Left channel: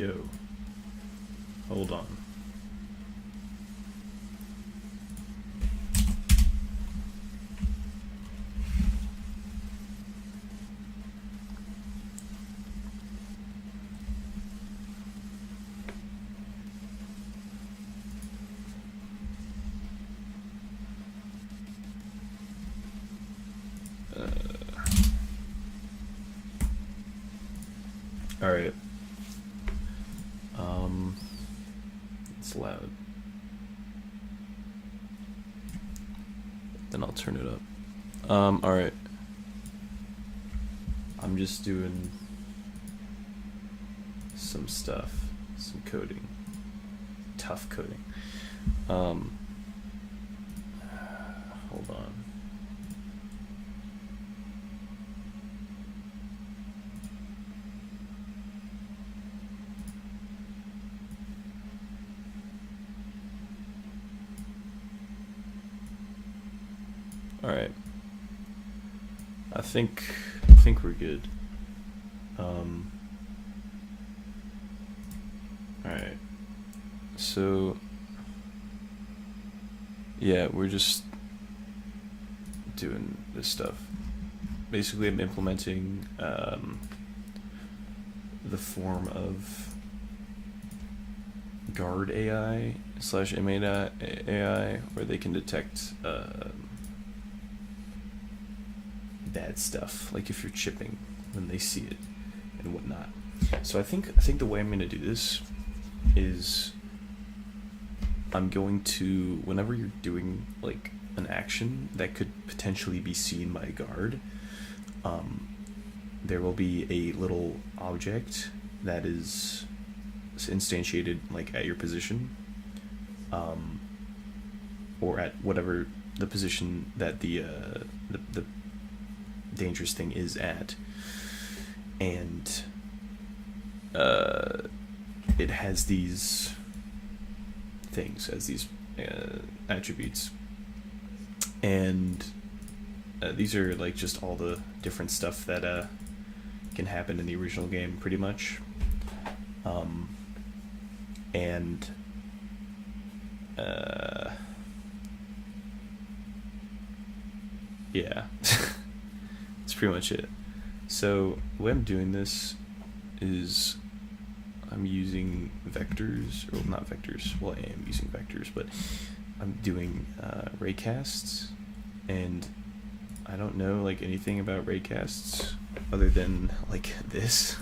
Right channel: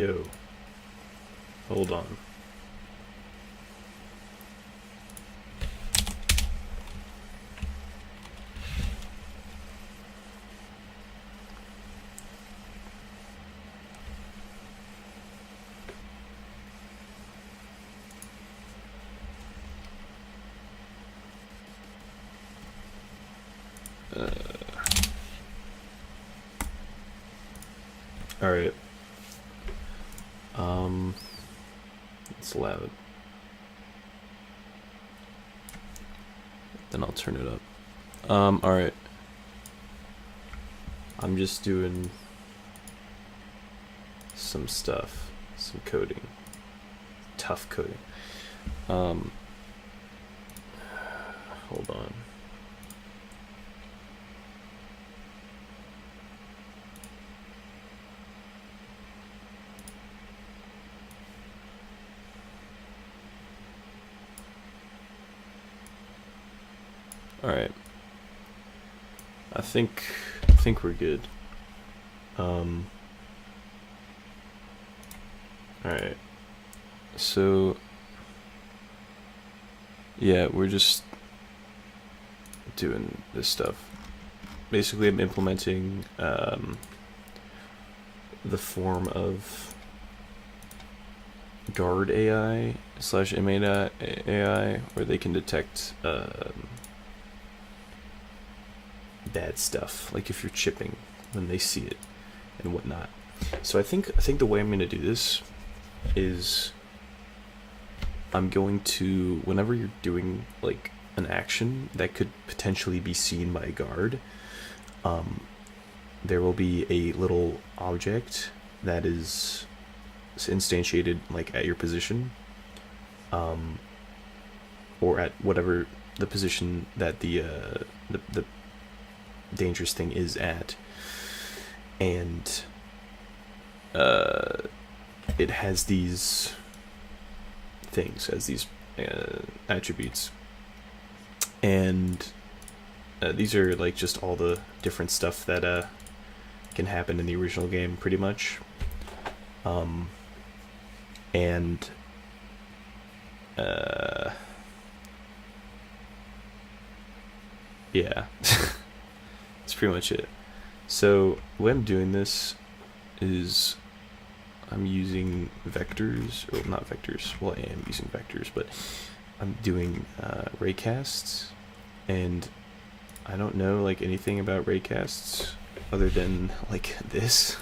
Yo, hold on. All right. It's loud. Then I'll turn it up. All right. I'm just doing some stuff, some coding, tough coding. Hold on. All right. I think we're good. All right. So yeah, we're just doing this stuff. Basically, I'm implementing the form of guard AI / inmate AI where they can detect bad stuff, like if you're chipping when they see it and whatnot. So I think the way I'm going to do this is I'm going to, whenever you're doing like an action that could potentially be seen by a guard, there will be a little object that is instantiated like at your position, or at whatever the position that the dangerous thing is at, and it has these things as these attributes, and these are like just all the different stuff that can happen in the original game pretty much, and yeah. That's pretty much it. So the way I'm doing this is I'm using vectors, or not vectors, well I am using vectors, but I'm doing raycasts, and I don't know like anything about raycasts other than like this.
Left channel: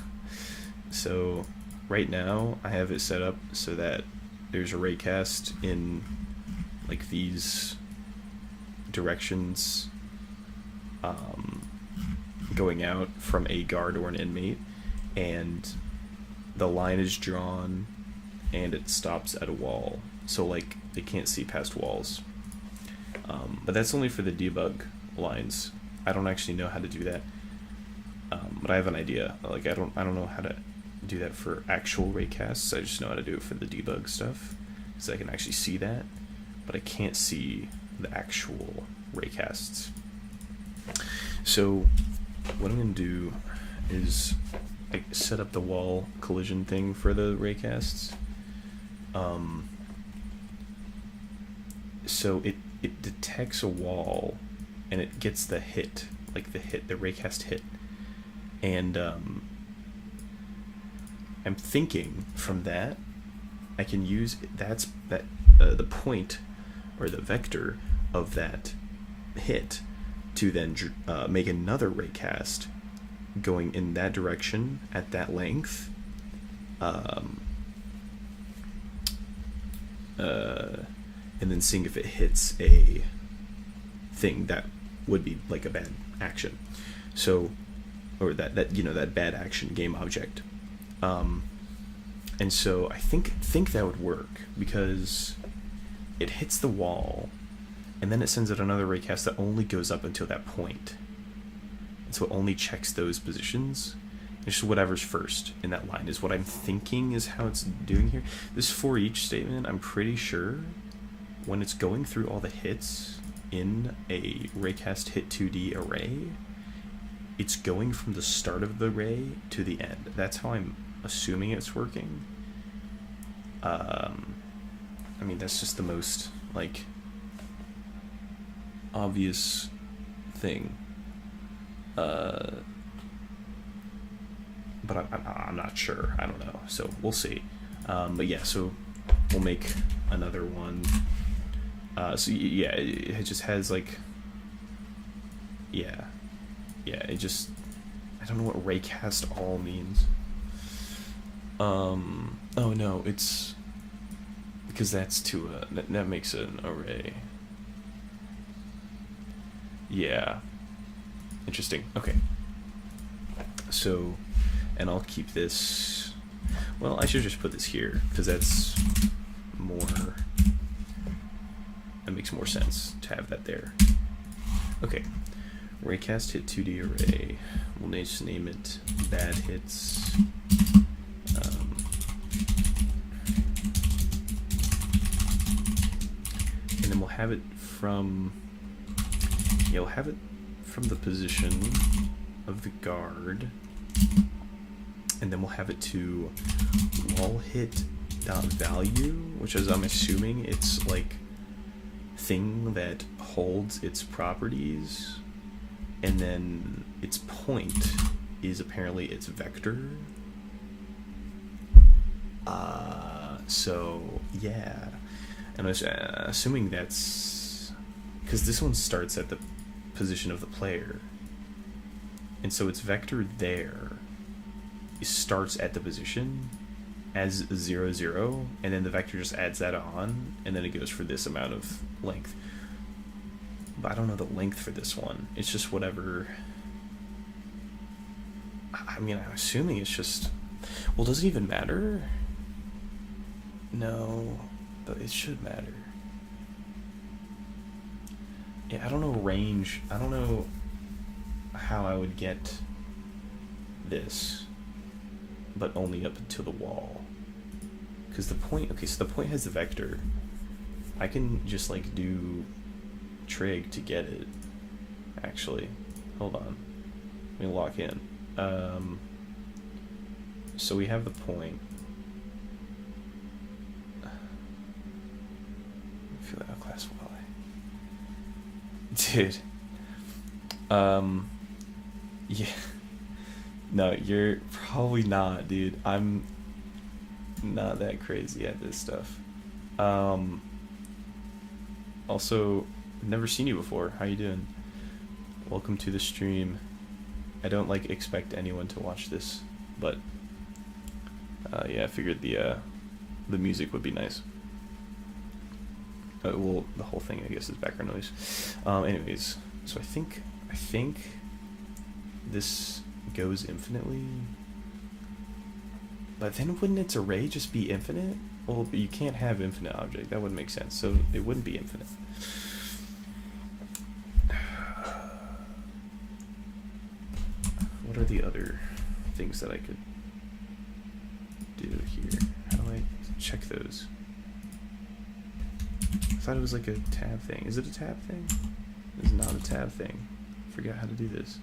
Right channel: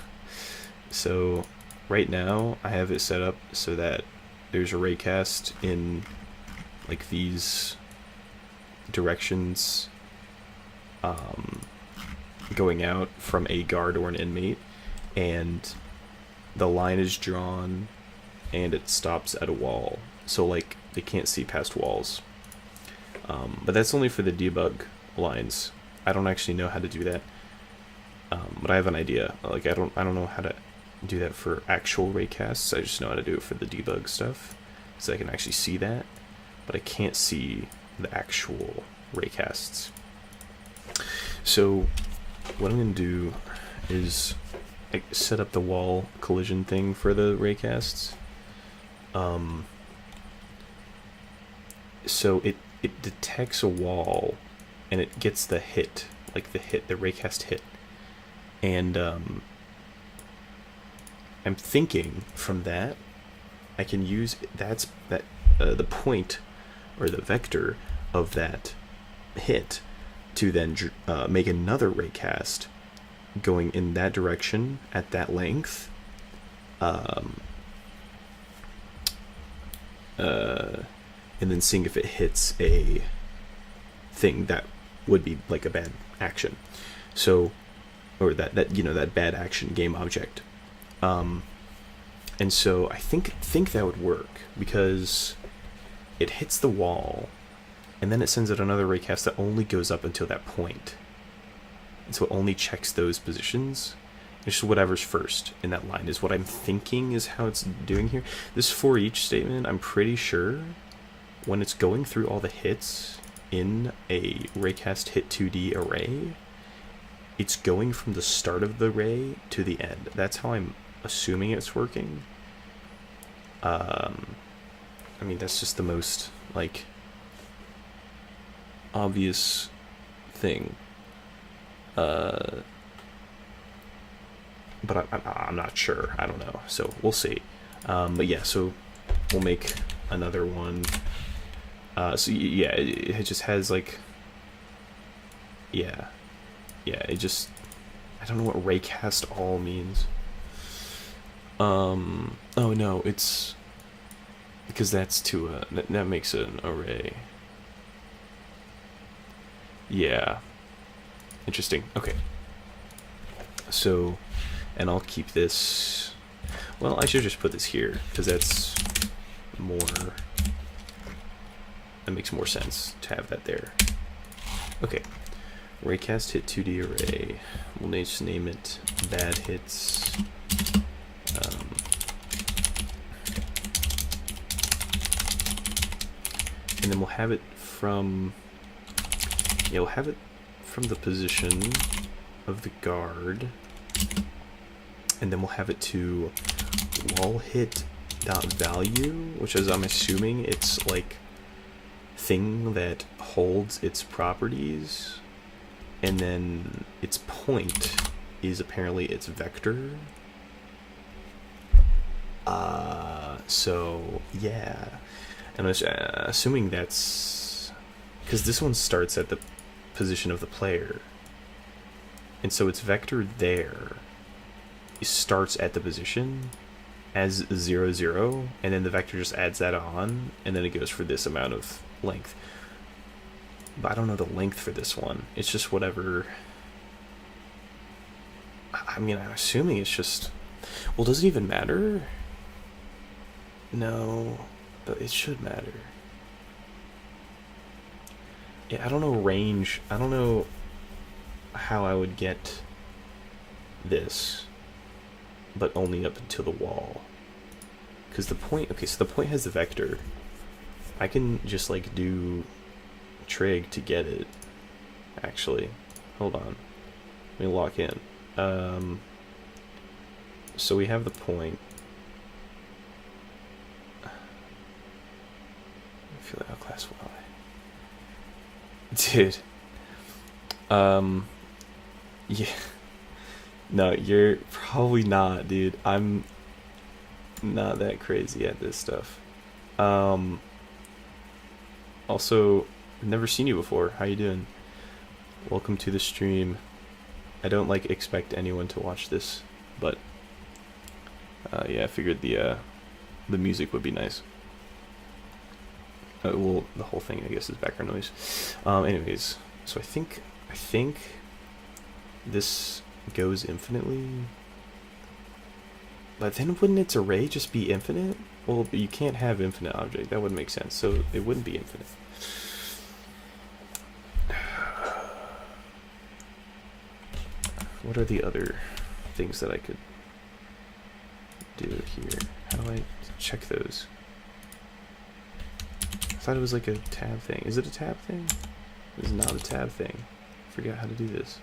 So right now I have it set up so that there's a raycast in like these directions, going out from a guard or an inmate, and the line is drawn and it stops at a wall, so like they can't see past walls, but that's only for the debug lines. I don't actually know how to do that, but I have an idea. Like I don't know how to do that for actual raycasts. I just know how to do it for the debug stuff, so I can actually see that, but I can't see the actual raycasts. So what I'm going to do is like set up the wall collision thing for the raycasts. So it detects a wall and it gets the hit, like the raycast hit. And I'm thinking from that I can use the point or the vector of that hit to then make another raycast going in that direction at that length, and then seeing if it hits a thing that would be like a bad action, so, or that bad action game object, and so I think that would work because it hits the wall and then it sends out another raycast that only goes up until that point. And so it only checks those positions. It's just whatever's first in that line is what I'm thinking is how it's doing here. This for each statement, I'm pretty sure when it's going through all the hits in a raycast hit 2D array, it's going from the start of the ray to the end. That's how I'm assuming it's working. I mean, that's just the most, like, obvious thing. But I'm not sure. I don't know. So we'll see. But yeah, so we'll make another one. So yeah, it just has like, yeah, it just, I don't know what raycast all means. Oh no, it's because that's to that makes an array. Yeah, interesting. Okay, so, and I'll keep this. Well, I should just put this here because that's more. That makes more sense to have that there. Okay, raycast hit 2D array. We'll just name it bad hits. And then we'll have it from. Yeah, we'll have it from the position of the guard, and then we'll have it to wall hit dot value, which is, I'm assuming it's like thing that holds its properties, and then its point is apparently its vector. So yeah, and I was assuming that's because this one starts at the position of the player, and so its vector there starts at the position as 0, 0, and then the vector just adds that on, and then it goes for this amount of length. But I don't know the length for this one. It's just whatever. I mean, I'm assuming it's just. Well, does it even matter? No, but it should matter. Yeah, I don't know range. I don't know how I would get this, but only up until the wall. Because the point, okay, so the point has the vector. I can just like do trig to get it. Actually, hold on. Let me lock in. So we have the point. I feel like class Y. Dude. Yeah. No, you're probably not, dude. I'm not that crazy at this stuff. Also, I've never seen you before. How you doing? Welcome to the stream. I don't like expect anyone to watch this, but yeah, I figured the music would be nice. Well, the whole thing, I guess, is background noise. Anyways, so I think this goes infinitely. But then wouldn't its array just be infinite? Well, but you can't have infinite object. That wouldn't make sense. So it wouldn't be infinite. What are the other things that I could do here? How do I check those? I thought it was like a tab thing. Is it a tab thing? It's not a tab thing. I forgot how to do this.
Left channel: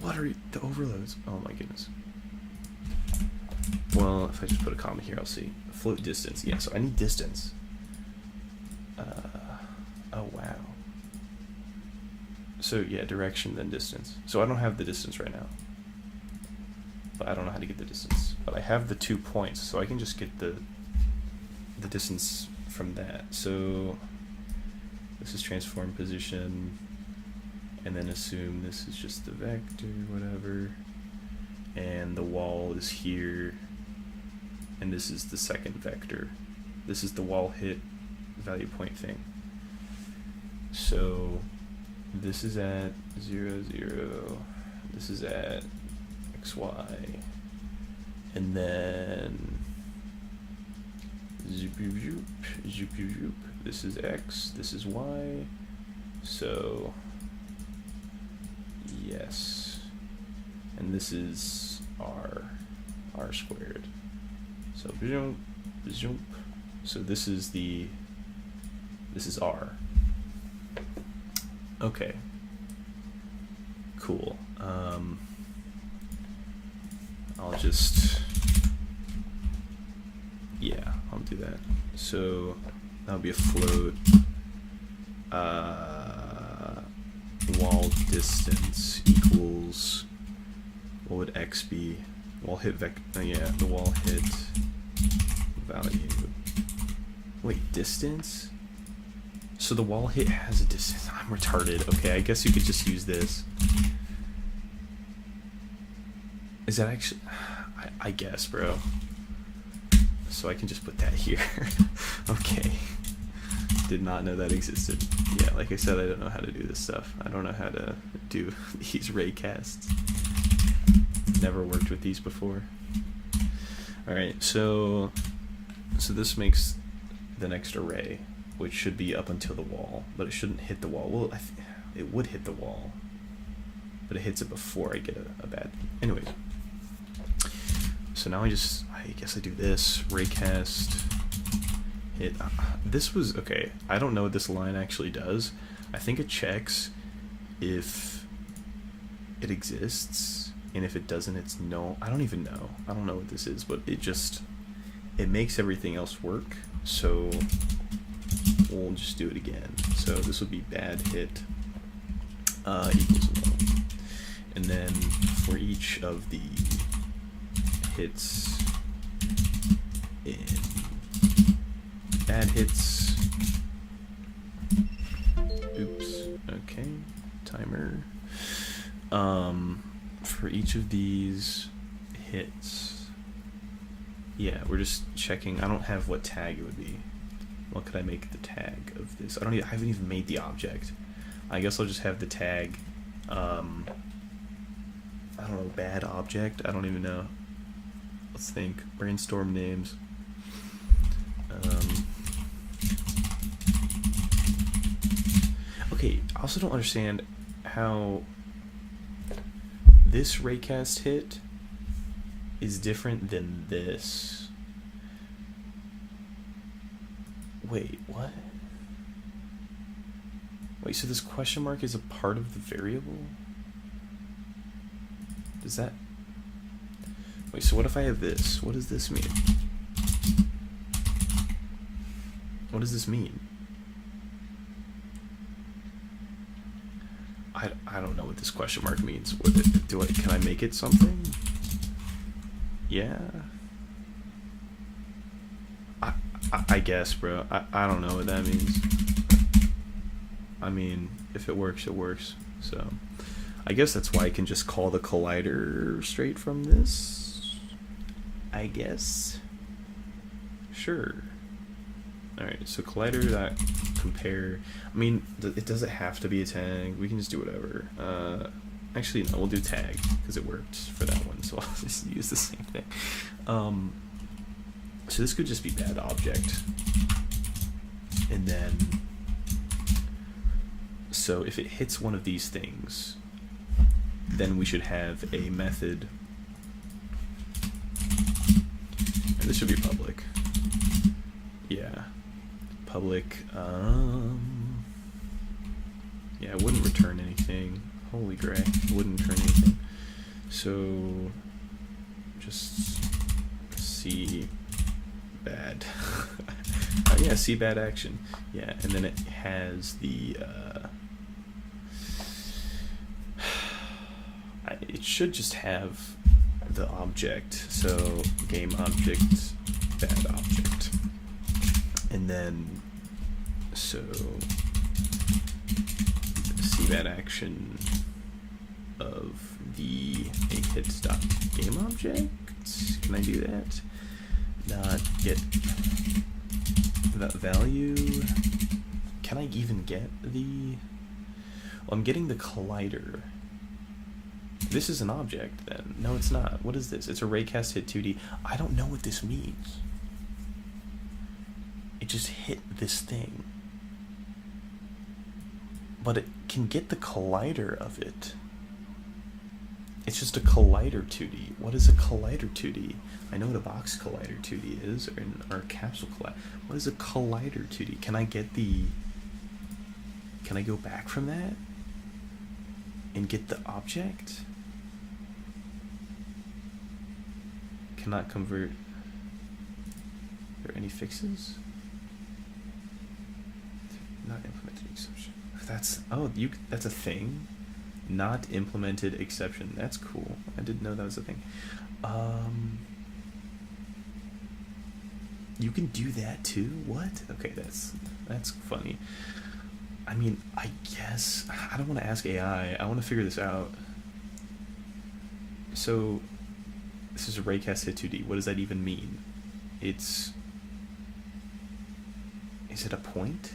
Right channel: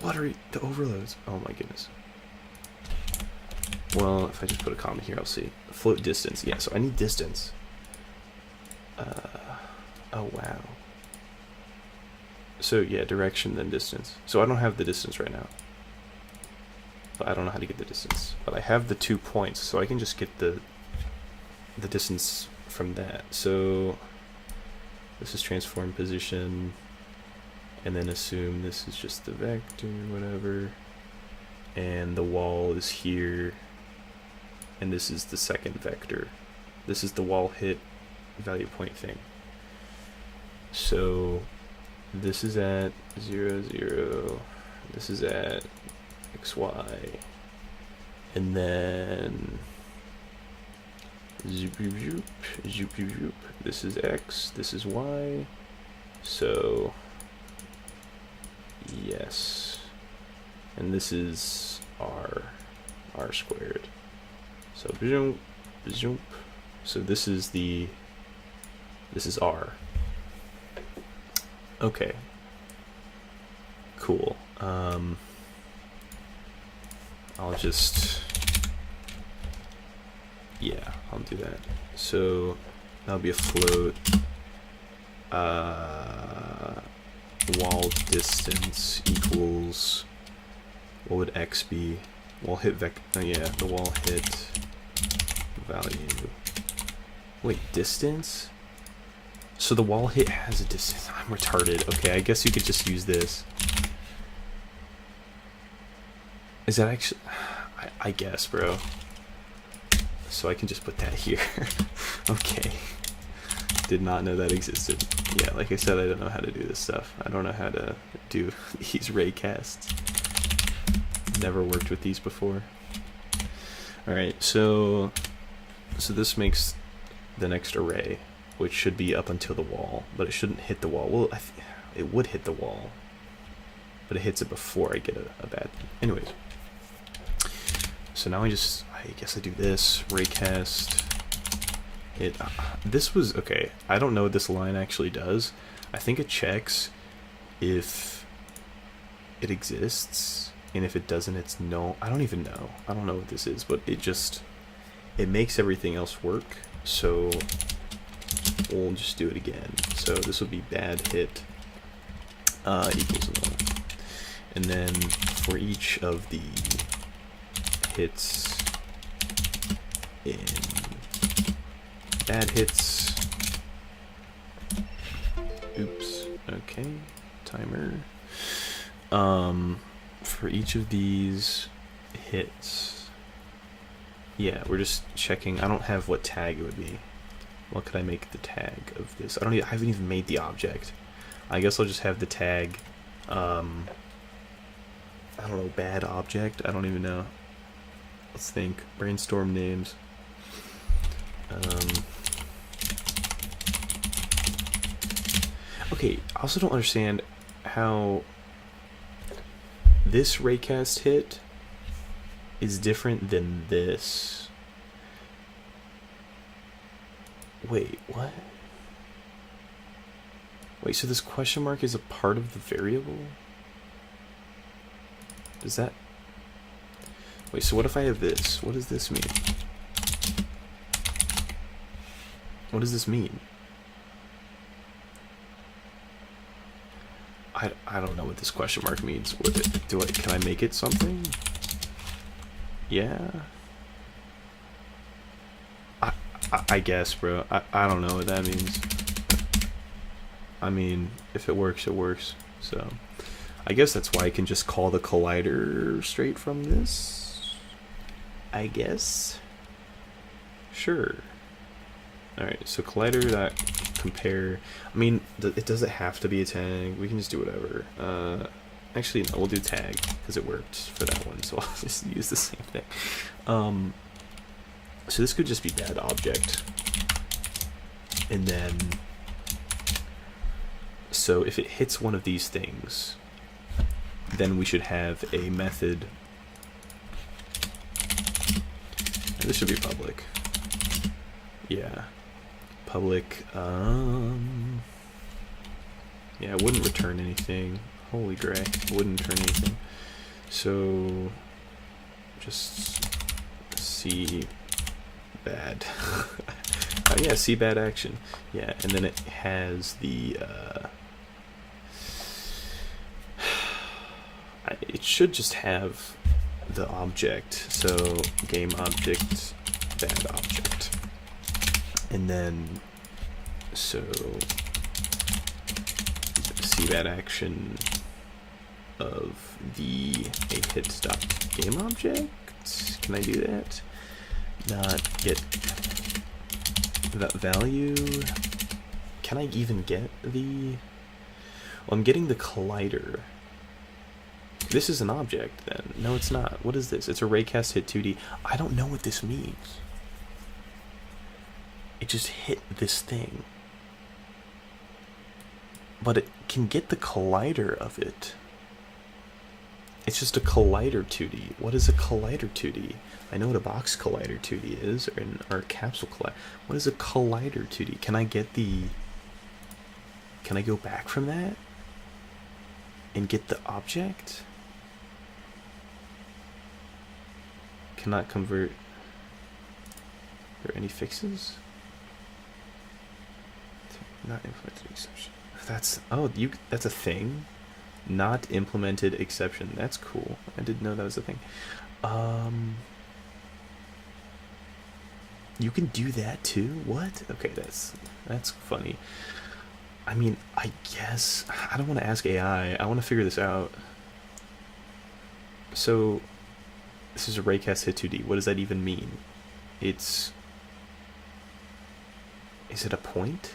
What are the overloads? Oh my goodness. Well, if I just put a comma here, I'll see. Float distance. Yeah, so I need distance. Oh wow. So yeah, direction then distance. So I don't have the distance right now. But I don't know how to get the distance. But I have the 2 points, so I can just get the distance from that. So this is transform position, and then assume this is just the vector, whatever, and the wall is here, and this is the second vector. This is the wall hit value point thing. So this is at 0, 0, this is at XY, and then zoop, zoop, zoop, zoop. This is X, this is Y. So yes, and this is R squared. So zoom, zoom. So this is R. Okay. Cool. I'll just, yeah, I'll do that. So that'll be a float. Wall distance equals, what would x be? Wall hit yeah, the wall hit value. Wait, distance? So the wall hit has a distance. I'm retarded. Okay, I guess you could just use this. Is that actually... I guess, bro. So I can just put that here. Okay. Did not know that existed. Yeah, like I said, I don't know how to do this stuff. I don't know how to do these raycasts. Never worked with these before. Alright, so this makes the next array, which should be up until the wall, but it shouldn't hit the wall. Well, it would hit the wall, but it hits it before I get a bad... Anyways. So now I guess I do this, raycast, hit, this was, okay, I don't know what this line actually does. I think it checks if it exists, and if it doesn't, it's no, I don't even know. I don't know what this is, but it makes everything else work, so we'll just do it again. So this would be bad hit equals null. And then for each of the hits in bad hits, oops, okay, timer, for each of these hits, yeah, we're just checking. I don't have what tag it would be. What could I make the tag of this? I haven't even made the object. I guess I'll just have the tag, I don't know, bad object, I don't even know. Let's think. Brainstorm names. Okay, I also don't understand how this raycast hit is different than this. Wait, what? Wait, so this question mark is a part of the variable? Does that... Wait, so what if I have this? What does this mean? What does this mean? I don't know what this question mark means. Can I make it something? Yeah. I guess, bro. I don't know what that means. I mean, if it works, it works. So, I guess that's why I can just call the collider straight from this. I guess. Sure. Alright, so collider.compare. I mean, it doesn't have to be a tag. We can just do whatever. Actually, no, we'll do tag because it worked for that one, so I'll just use the same thing. So this could just be bad object. And then, so if it hits one of these things, then we should have a method. And this should be public. Yeah. Public, yeah, it wouldn't return anything. Holy gray, it wouldn't return anything. So, just see bad. Yeah, see bad action. Yeah, and then it has the, it should just have the object. So, game object, bad object. And then, so, see that action of the hits.game object. Can I do that? Not get that value. Can I even get the... Well, I'm getting the collider. This is an object then. No, it's not. What is this? It's a raycast hit 2D. I don't know what this means. It just hit this thing. But it can get the collider of it. It's just a collider 2D. What is a collider 2D? I know what a box collider 2D is, or a capsule collider. What is a collider 2D? Can I get the... Can I go back from that? And get the object? cannot convert. Are there any fixes? Not implemented exception. That's that's a thing. Not implemented exception. That's cool. I didn't know that was a thing. You can do that too? What? Okay, that's funny. I mean, I guess I don't want to ask AI. I want to figure this out. So, this is a raycast hit 2D. What does that even mean? Is it a point?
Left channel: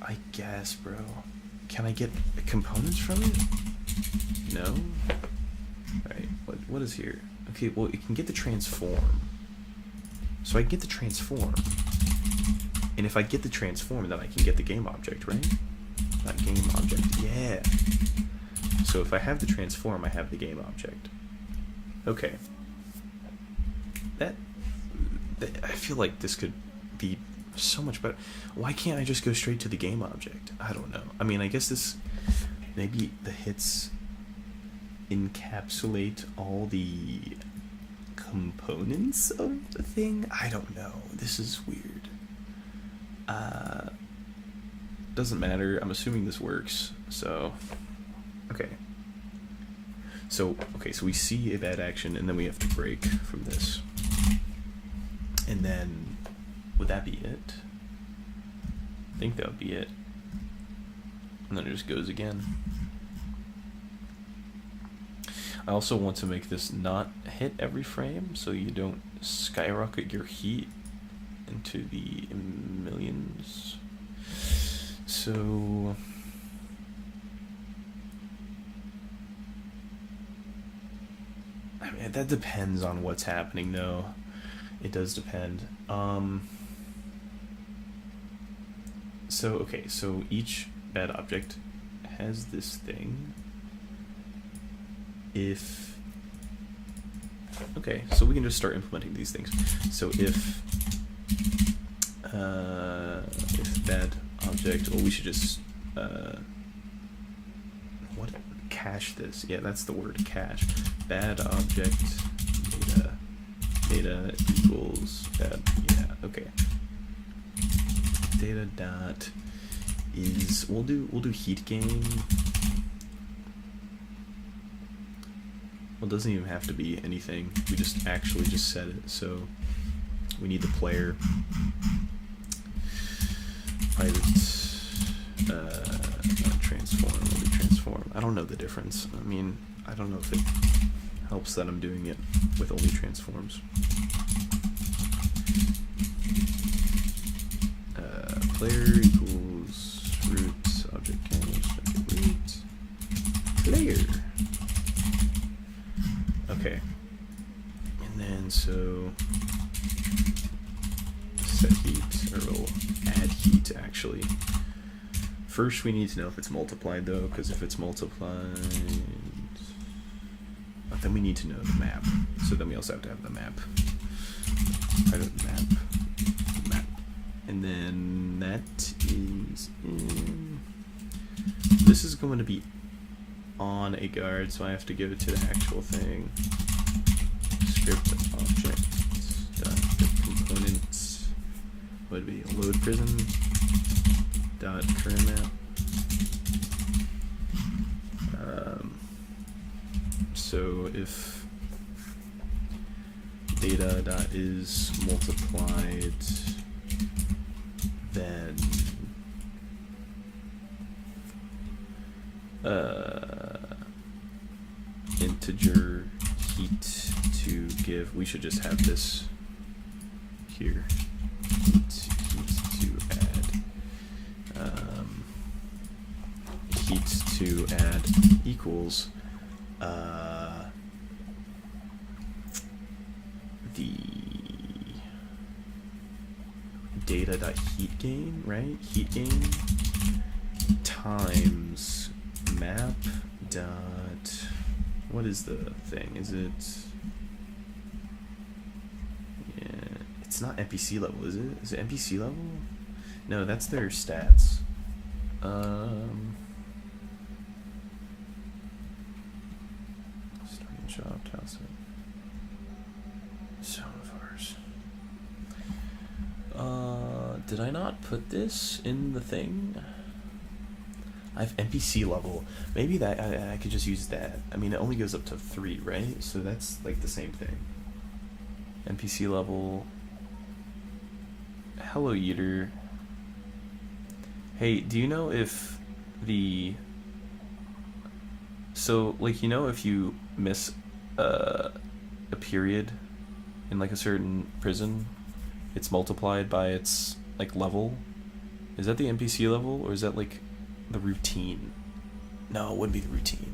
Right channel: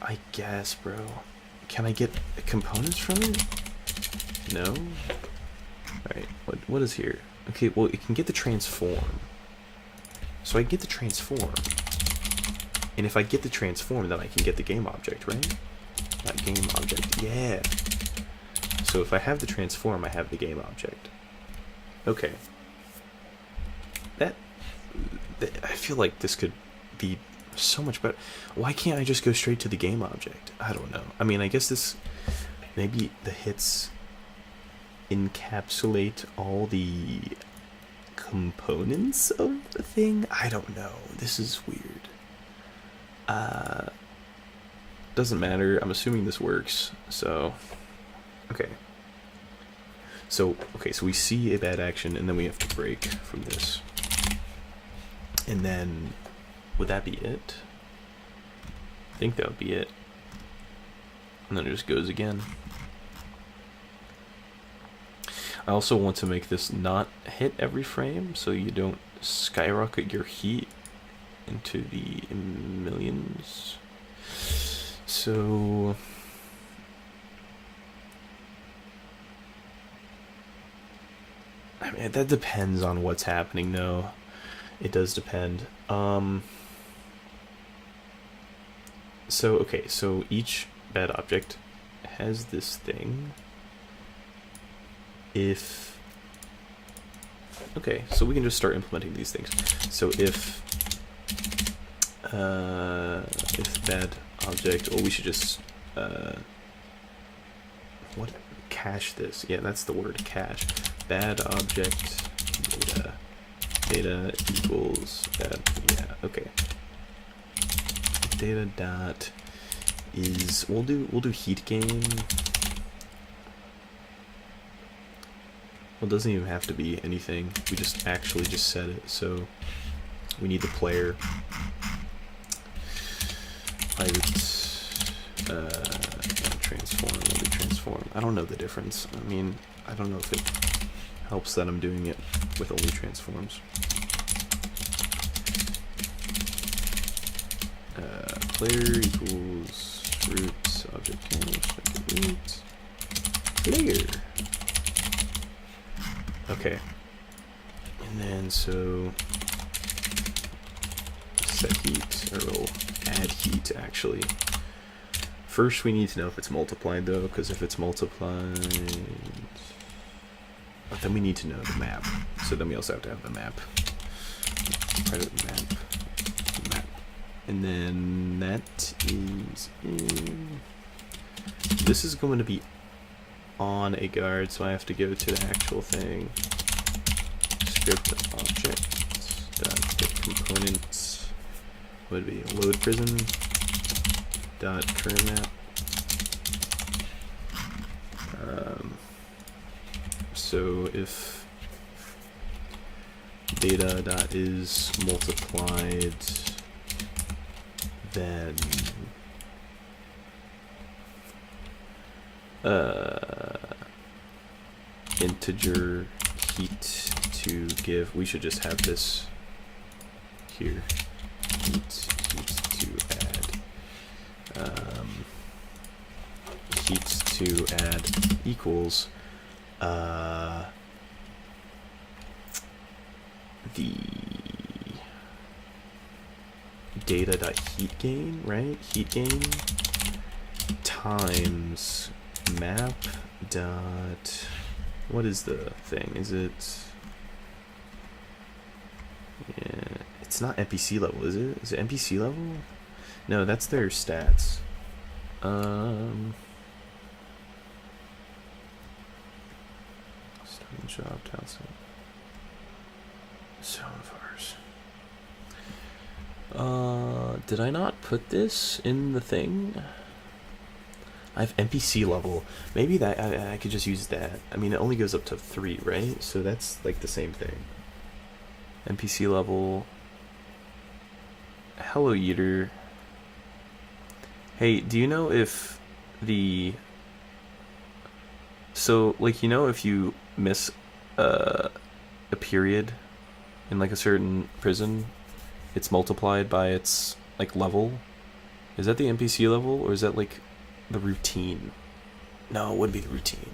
I guess, bro. Can I get components from it? No? Alright, what is here? Okay, well, it can get the transform. So I get the transform. And if I get the transform, then I can get the game object, right? Not game object, yeah. So if I have the transform, I have the game object. Okay. That I feel like this could be so much better. Why can't I just go straight to the game object? I don't know. I mean, I guess this, maybe the hits encapsulate all the components of the thing. I don't know. This is weird. Doesn't matter. I'm assuming this works. So, okay. So we see a bad action, and then we have to break from this. And then, would that be it? I think that would be it. And then it just goes again. I also want to make this not hit every frame, so you don't skyrocket your heat into the millions. So I mean, that depends on what's happening, though. It does depend. So each bad object has this thing. So we can just start implementing these things. So if bad object, well, we should just cache this. Yeah, that's the word, cache. Bad object data equals bad. Yeah, okay. Data dot is we'll do heat gain. Well, it doesn't even have to be anything. We just actually just set it. So we need the player. Private transform. We'll do transform. I don't know the difference. I mean, I don't know if it helps that I'm doing it with only transforms. Player equals root object cache, root player. Okay. And then so set heat, or we'll add heat actually. First we need to know if it's multiplied though, because if it's multiplied, then we need to know the map. So then we also have to have the map. Private map. And then that is in. This is going to be on a guard, so I have to go to the actual thing. Script object dot get components would be load prison dot current map. So if data dot is multiplied, then integer heat to give, we should just have this here, heat to add equals the data.heat gain, right? Heat gain times map dot, what is the thing? Is it, yeah, it's not NPC level, is it? Is it NPC level? No, that's their stats. Job, Townsend. Zone of ours. Did I not put this in the thing? I have NPC level. Maybe that I could just use that. I mean, it only goes up to 3, right? So that's like the same thing. NPC level. Hello, Eater. Hey, do you know if the... So, like, you know, if you miss a period in, like, a certain prison, it's multiplied by its, like, level? Is that the NPC level, or is that, like, the routine? No, it wouldn't be the routine.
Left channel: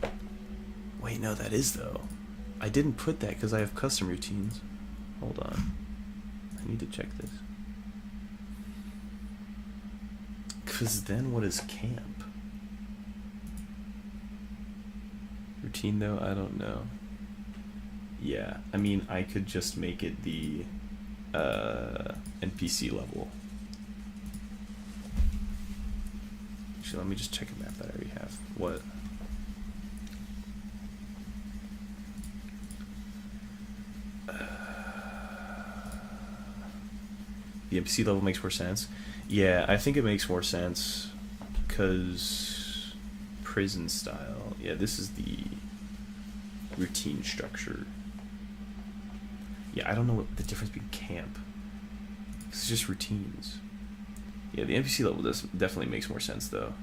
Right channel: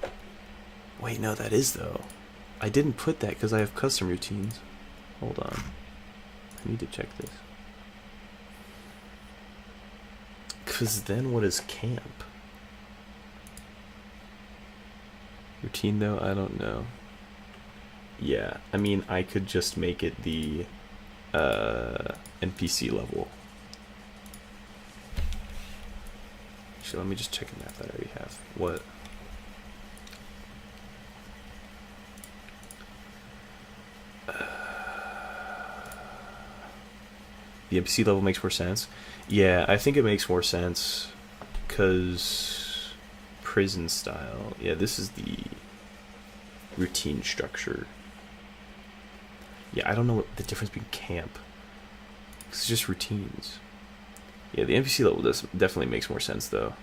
Wait, no, that is, though. I didn't put that because I have custom routines. Hold on. I need to check this. Because then what is camp? Routine, though? I don't know. Yeah, I mean, I could just make it the NPC level. Actually, let me just check a map that I already have. What? The NPC level makes more sense. Yeah, I think it makes more sense because prison style. Yeah, this is the routine structure. Yeah, I don't know what the difference between camp. It's just routines. Yeah, the NPC level definitely makes more sense though.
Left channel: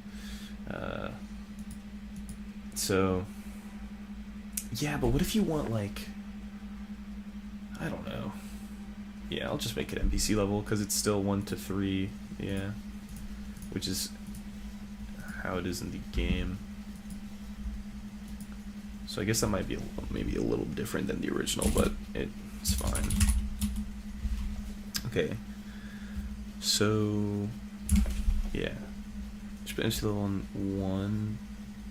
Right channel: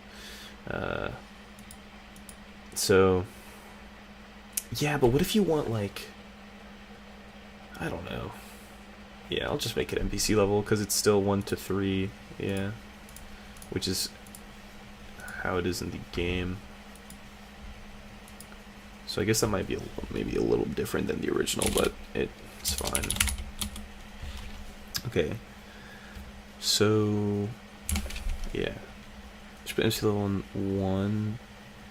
So yeah, but what if you want, like, I don't know. Yeah, I'll just make it NPC level because it's still 1 to 3. Yeah, which is how it is in the game. So I guess that might be maybe a little different than the original, but it's fine. Okay. So yeah, just put NPC level on 1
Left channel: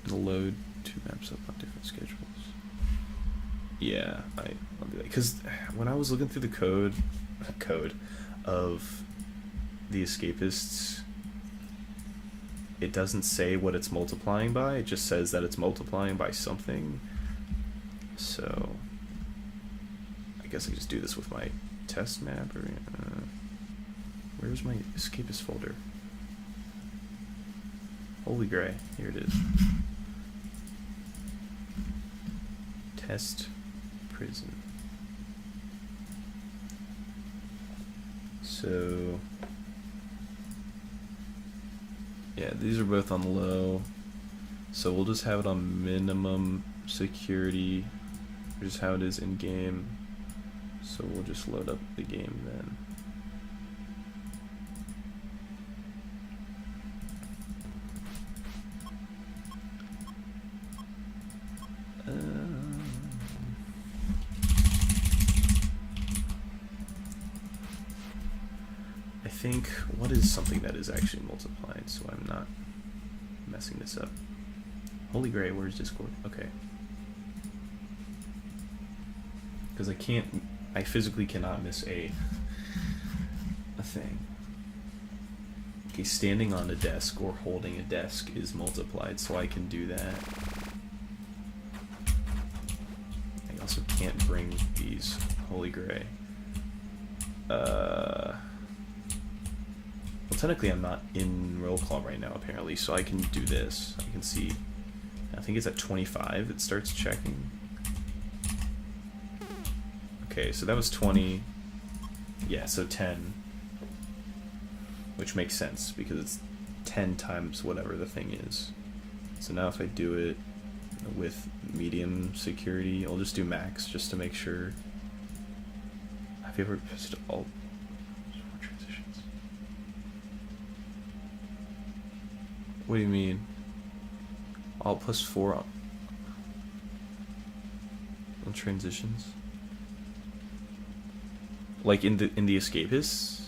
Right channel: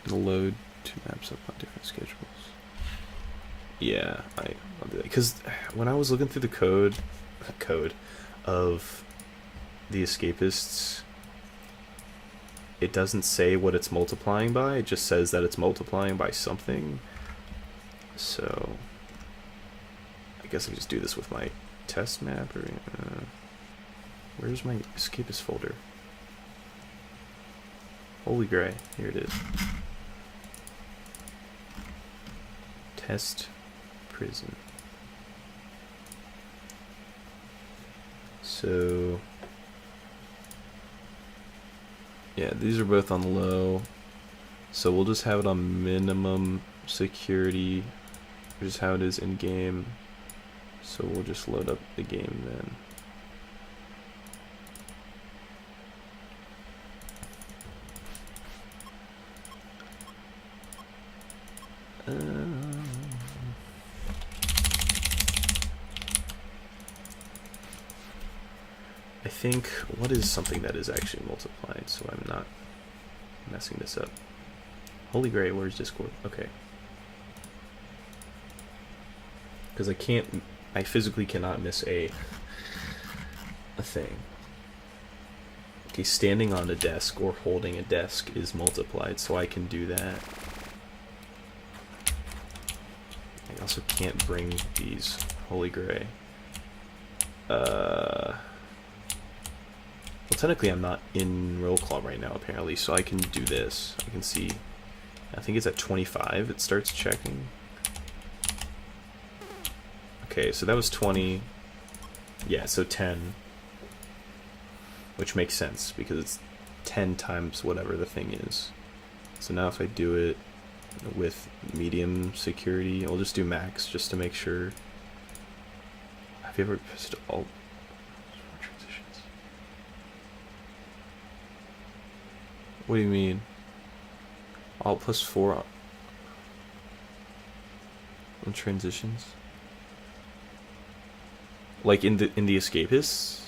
and load 2 maps up on different schedules. Yeah, I'll do that because when I was looking through the code of the escapists, it doesn't say what it's multiplying by. It just says that it's multiplying by something. So I guess I can just do this with my test map. Or where's my escapist folder? Holy gray, here it is. Test prison. So yeah, these are both on low, so we'll just have it on minimum security, which is how it is in game. So we'll just load up the game then. I think, what is something that is actually multiplied so I'm not messing this up? Holy Gray, where's Discord? Okay. Because I physically cannot miss a thing. Okay, standing on a desk or holding a desk is multiplied, so I can do that. I also can't bring these. Holy Gray. Well, technically I'm not in roll call right now, apparently, so I can do this. I can see, I think it's at 25 it starts checking. Okay, so that was 20. Yeah, so 10. Which makes sense, because it's 10 times whatever the thing is. So now if I do it with medium security, I'll just do max, just to make sure. Have you ever pressed Alt? What do you mean? Alt plus 4 on transitions? Like in the escapists?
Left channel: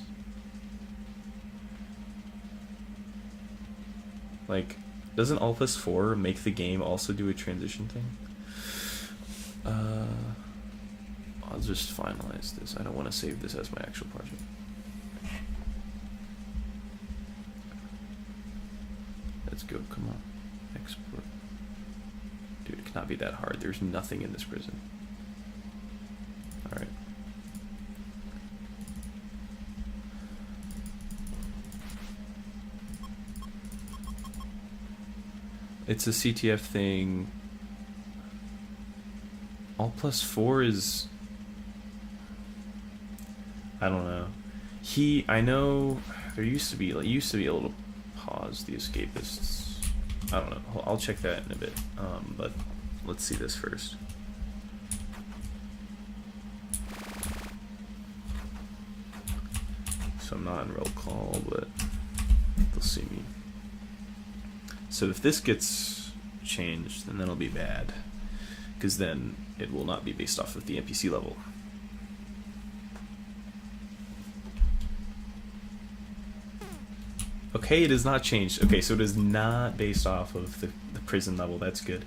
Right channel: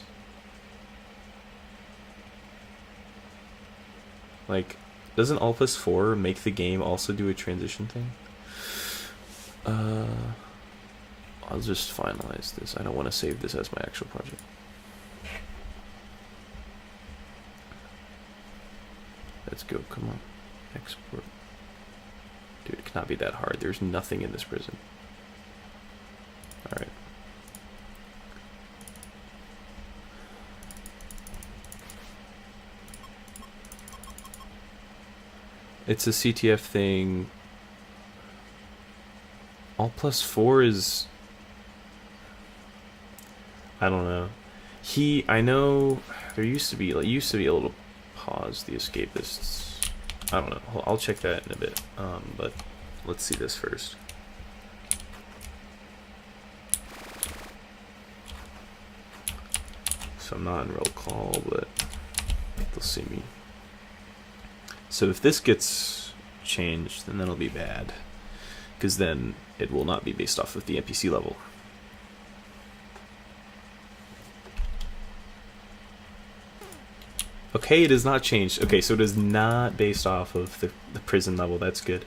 Like, doesn't Alt plus 4 make the game also do a transition thing? I'll just finalize this. I don't want to save this as my actual project. Let's go, come on. Export. Dude, it cannot be that hard. There's nothing in this prison. It's a CTF thing. All +4 is... I don't know. I know there used to be a little pause, the escapists. I don't know. I'll check that in a bit. But let's see this first. So I'm not in roll call, but they'll see me. So if this gets changed, then that'll be bad, because then it will not be based off of the NPC level. Okay, it is not changed. Okay, so it is not based off of the prison level. That's good.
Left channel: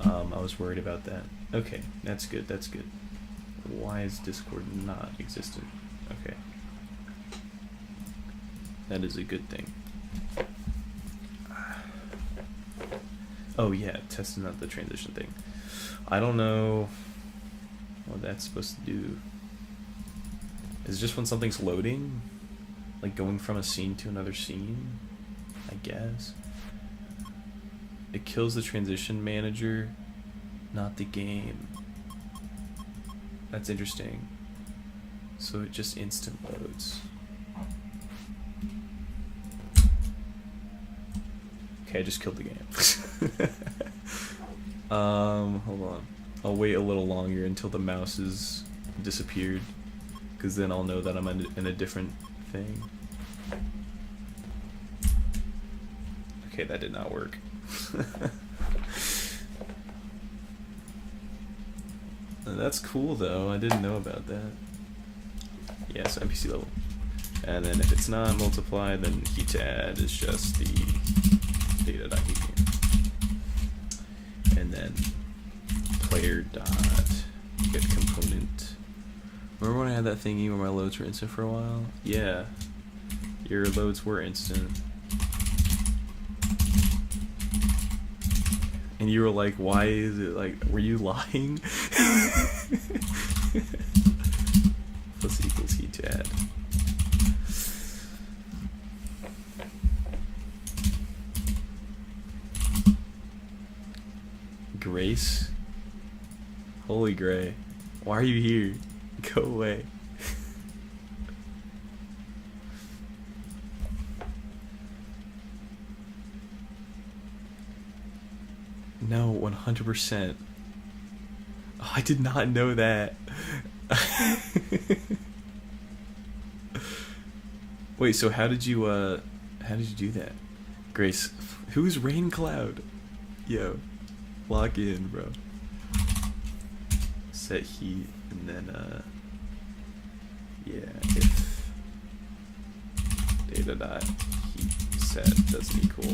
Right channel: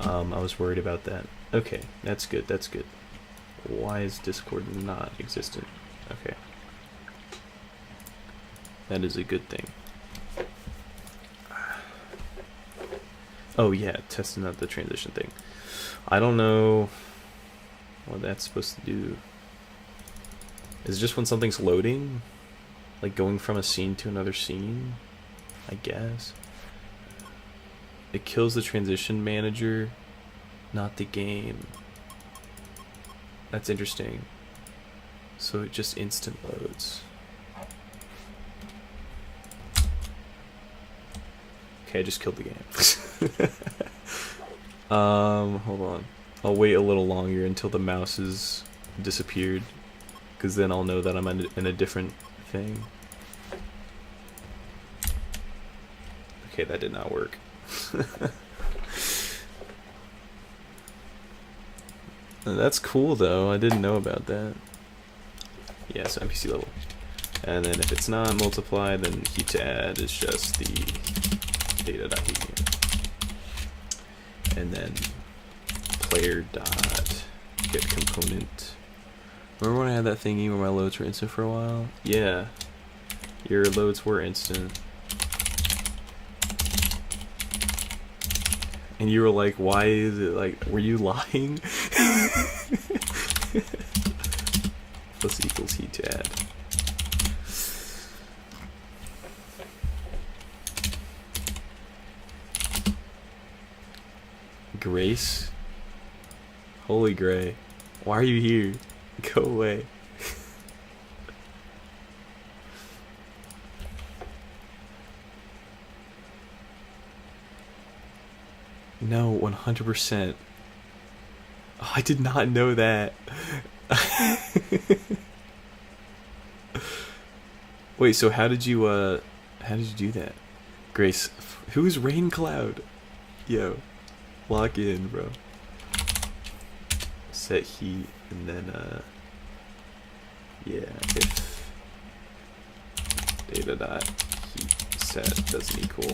I was worried about that. Okay, that's good. That's good. Why is Discord not existent? Okay. That is a good thing. Oh yeah, testing out the transition thing. I don't know what that's supposed to do. Is it just when something's loading? Like going from a scene to another scene? I guess. It kills the transition manager, not the game. That's interesting. So it just instant loads. Okay, I just killed the game. Hold on. I'll wait a little longer until the mouse is disappeared, because then I'll know that I'm in a different thing. Okay, that did not work. That's cool though, I didn't know about that. Yeah, so NPC level. And then if it's not multiply, then heat to add is just the data.heat. And then player dot get component. Remember when I had that thingy where my loads were instant for a while? Yeah, your loads were instant. And you were like, why is it like, were you lying? Plus equals heat to add. Grace? Holy Gray. Why are you here? Go away. No, 100%. Oh, I did not know that. Wait, so how did you do that? Grace, who's Rain Cloud? Yo, lock in, bro. Set heat, and then yeah, if data dot heat set doesn't equal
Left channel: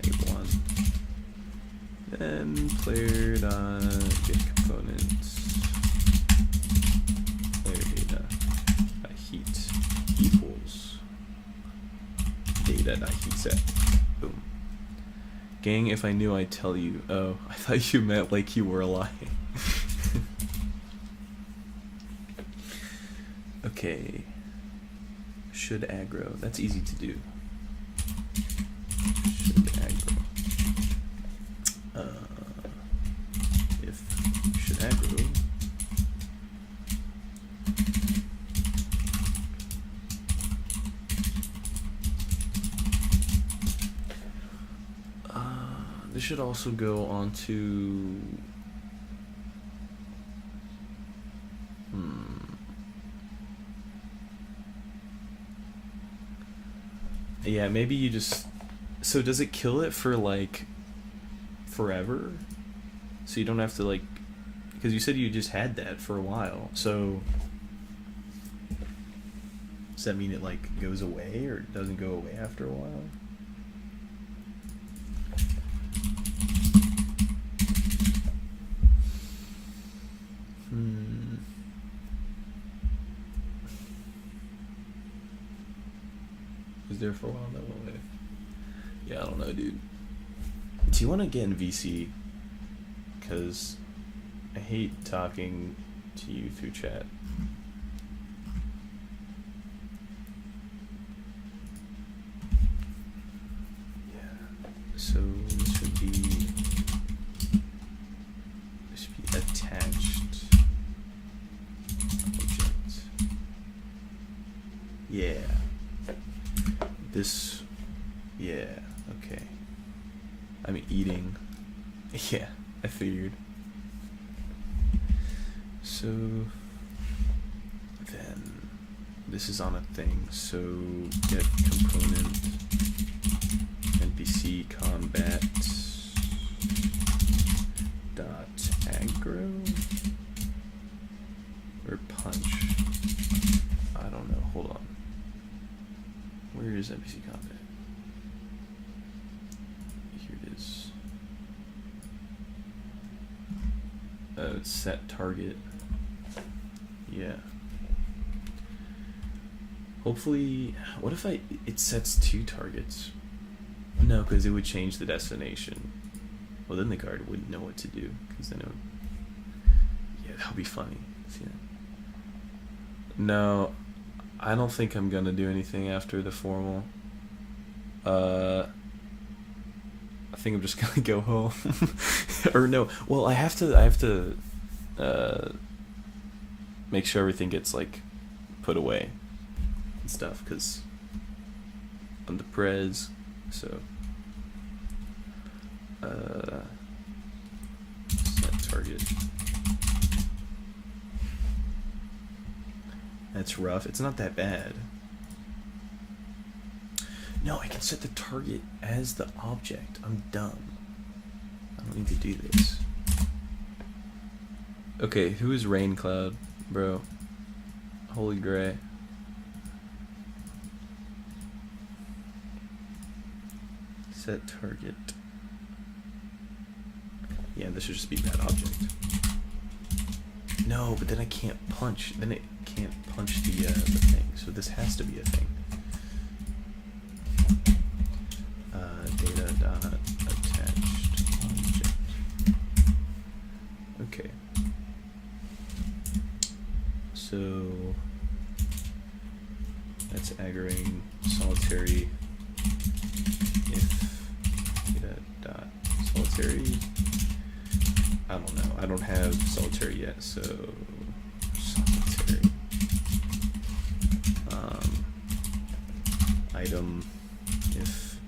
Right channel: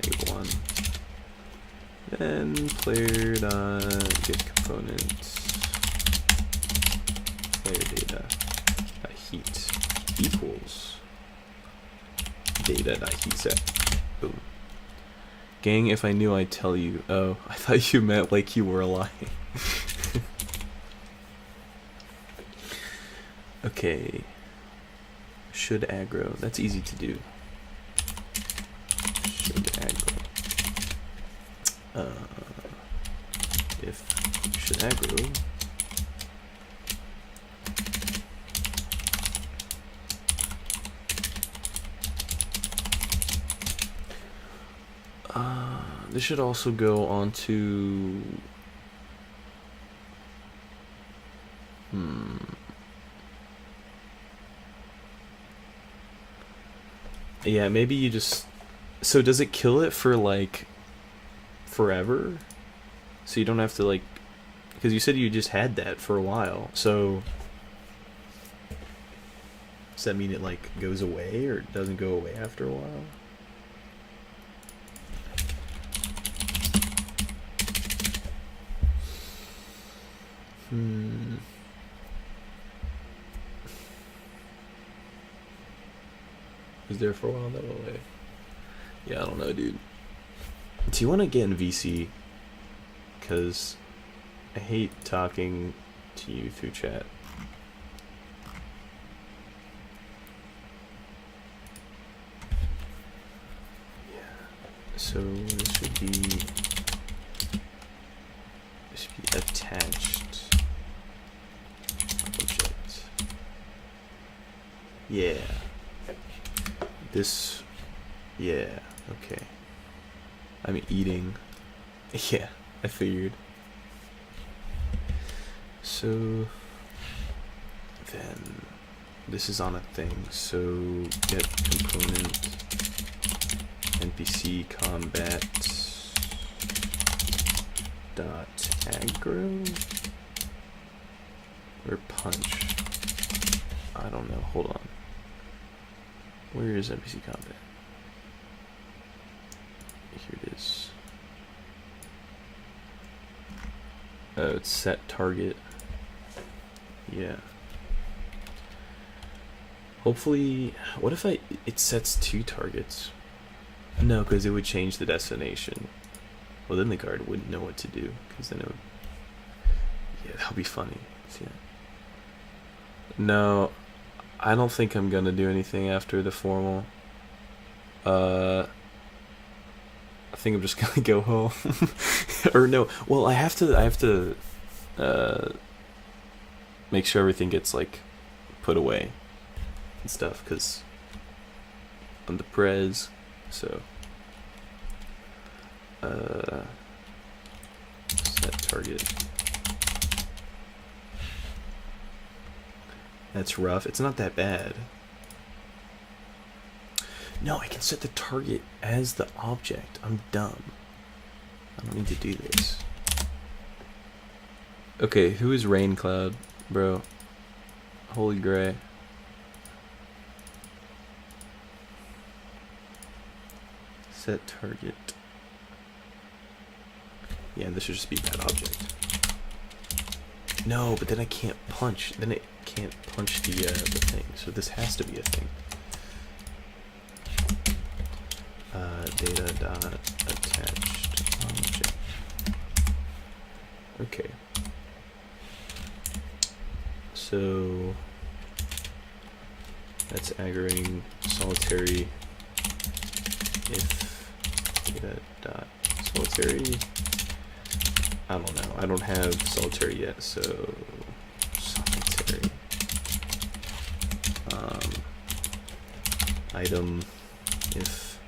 -1, then player dot get component player data dot heat equals data dot heat set. Boom. Gang, if I knew I'd tell you. Oh, I thought you meant like you were lying. Okay. Should aggro. That's easy to do. Should aggro. If should aggro. This should also go onto. Yeah, maybe you just. So does it kill it for like forever? So you don't have to like, because you said you just had that for a while. So does that mean it like goes away or doesn't go away after a while? Is there for a while that way? Yeah, I don't know, dude. Do you want to get in VC? Because I hate talking to you through chat. Yeah. So this should be attached object. Yeah. This, yeah, okay. I'm eating. Yeah, I figured. So then this is on a thing. So get component NPC combat dot aggro or punch. I don't know. Hold on. Where is NPC combat? Here it is. Oh, it's set target. Yeah. Hopefully, what if it sets 2 targets? No, because it would change the destination. Well, then the guard wouldn't know what to do, because then it would... Yeah, that would be funny. See that? No, I don't think I'm gonna do anything after the formal. I think I'm just gonna go home. Or no, well, I have to make sure everything gets like put away and stuff, because I'm the prez, so set target. That's rough. It's not that bad. No, I can set the target as the object. I'm dumb. I don't need to do this. Okay, who is Rain Cloud, bro? Holy gray. Set target. Yeah, this should just be bad object. No, but then I can't punch. Then it can't punch the thing. So this has to be a thing. Data dot attached object. Okay. So that's aggroing solitary if data dot solitary. I don't know. I don't have solitary yet, so solitary. Item if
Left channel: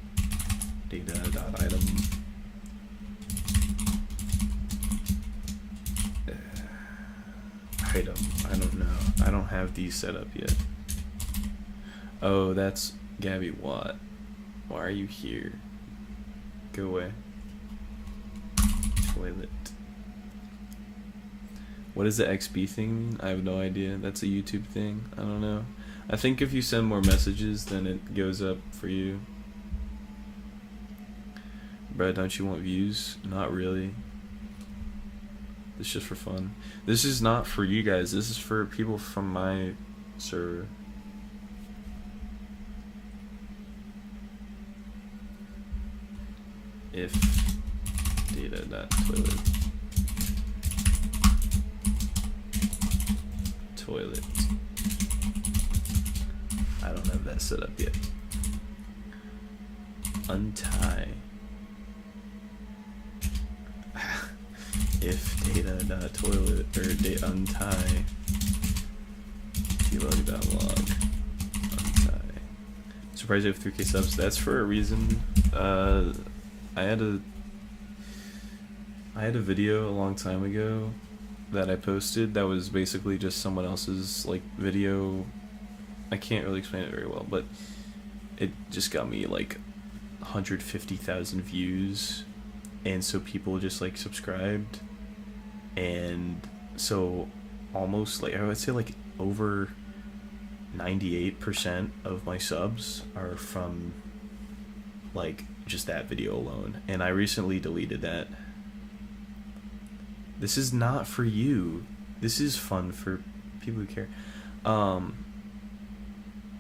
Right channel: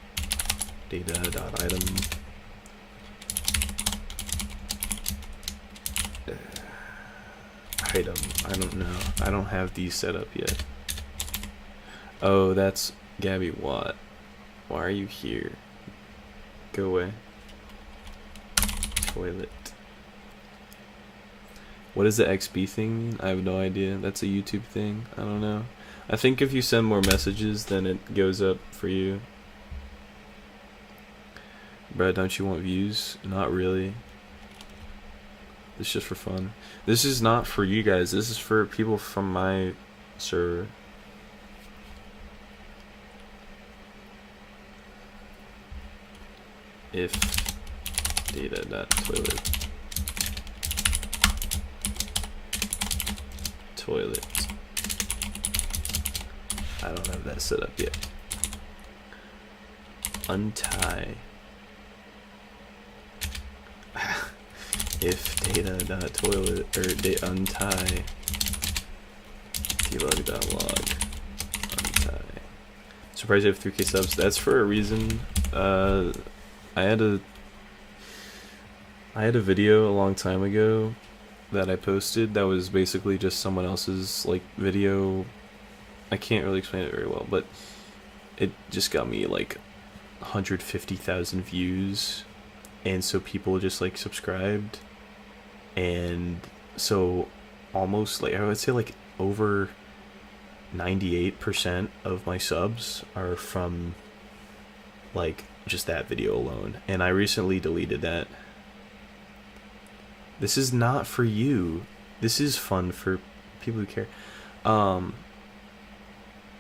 data dot item item. I don't know. I don't have these set up yet. Oh, that's Gabby Watt. Why are you here? Go away. Toilet. What does the XB thing mean? I have no idea. That's a YouTube thing. I don't know. I think if you send more messages, then it goes up for you. Bruh, don't you want views? Not really. It's just for fun. This is not for you guys. This is for people from my server. If data.toilet toilet. I don't have that set up yet. Untie. If data.toilet or untie debug.log untie. Surprised I have 3K subs. That's for a reason. I had a video a long time ago that I posted that was basically just someone else's like video. I can't really explain it very well, but it just got me like 150,000 views, and so people just like subscribed, and so almost like I would say like over 98% of my subs are from like just that video alone, and I recently deleted that. This is not for you. This is fun for people who care.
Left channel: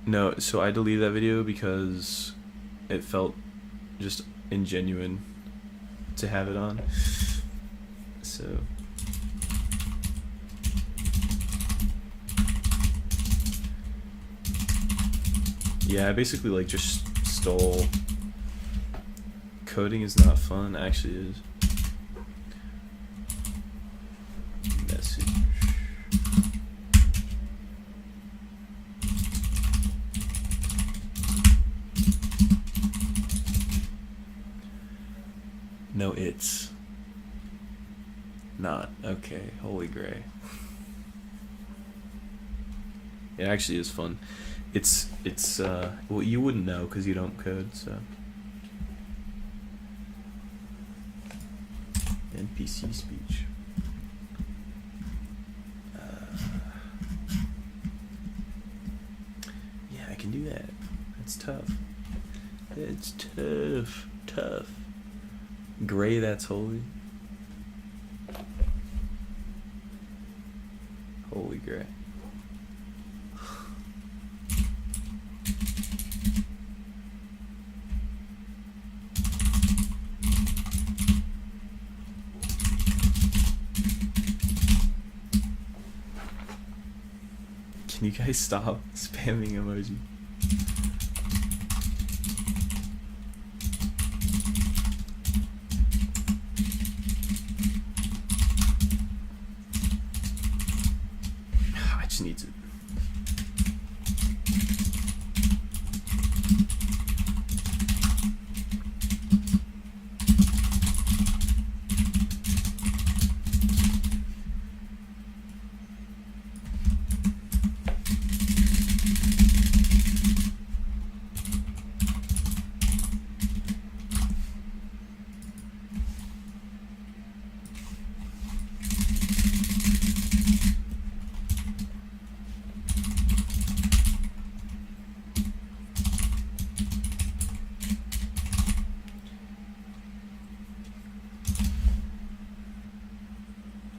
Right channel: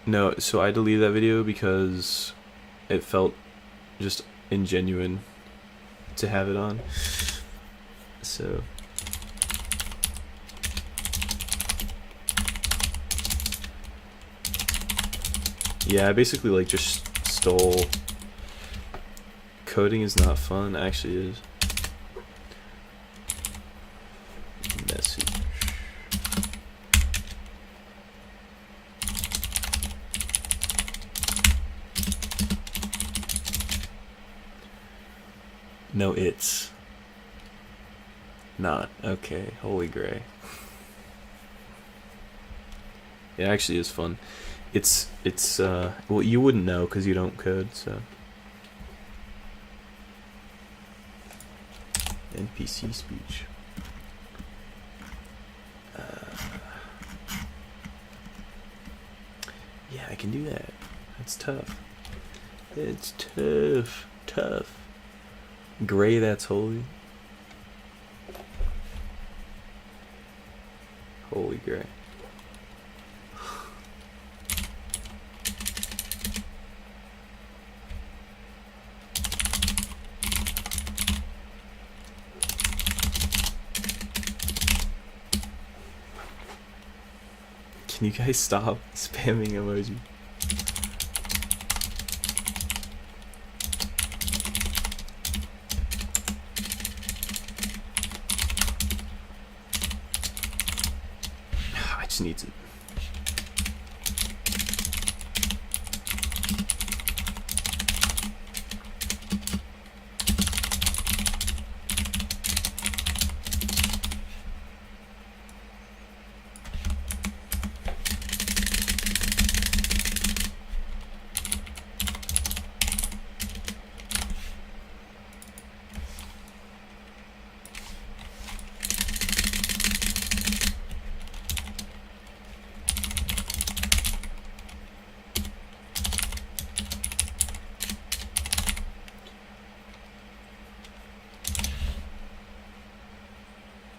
No, so I deleted that video because it felt just ingenuine to have it on. So yeah, I basically like just stole Coding is not fun. Actually, it is. Message. No, it's not. Okay, holy gray. It actually is fun. It's well, you wouldn't know because you don't code, so. NPC speech. Yeah, I can do that. That's tough. It's tough. Gray, that's holy. Holy gray. Can you guys stop spamming emoji? I just need to.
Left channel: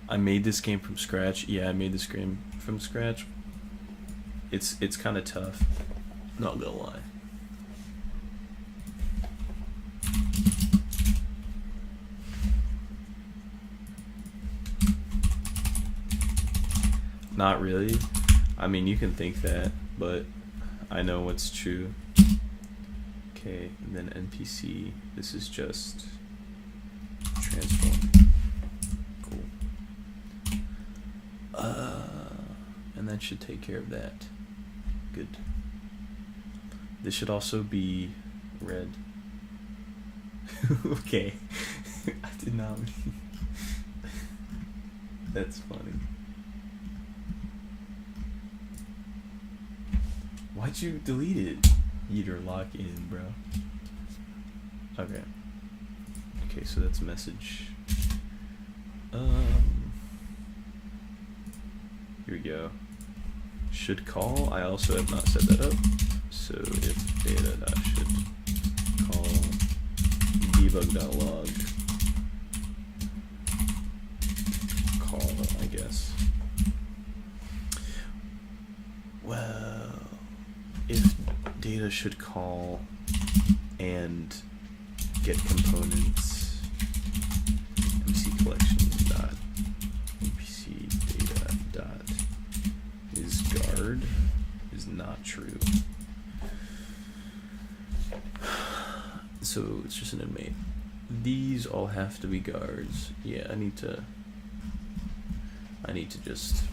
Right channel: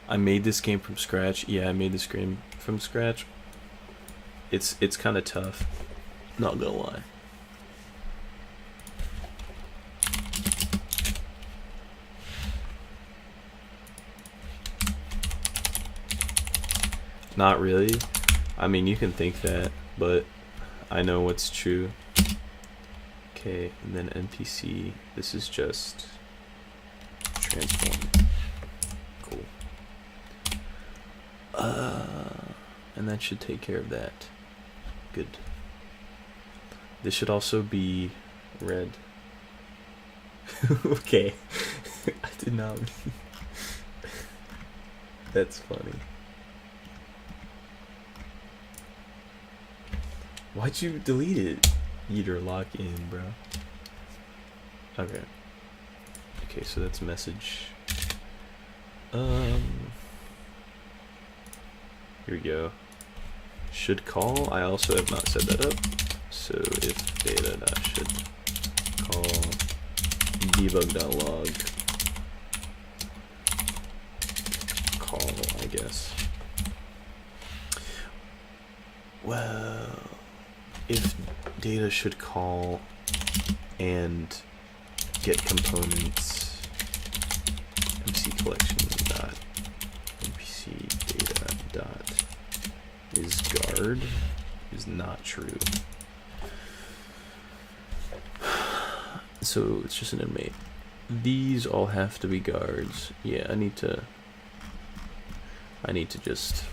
I made this game from scratch. Yeah, I made this game from scratch. It's kind of tough. Not gonna lie. Not really. I mean, you can think that, but I know what's true. Okay, and then NPC. This is just transform. Cool. And that should take care of that. Good. This should also be red. Okay. I did not mean. That's funny. Why'd you delete it? Eater lock in, bro. Okay. Okay, so that's message. Here we go. Should call. I also have not set that up. So if data.should call debug.log call, I guess. Well, if data should call and get components MC collection dot NPC data dot is guard is not true. So it's just an inmate. These all have to be guards. Yeah, I need to just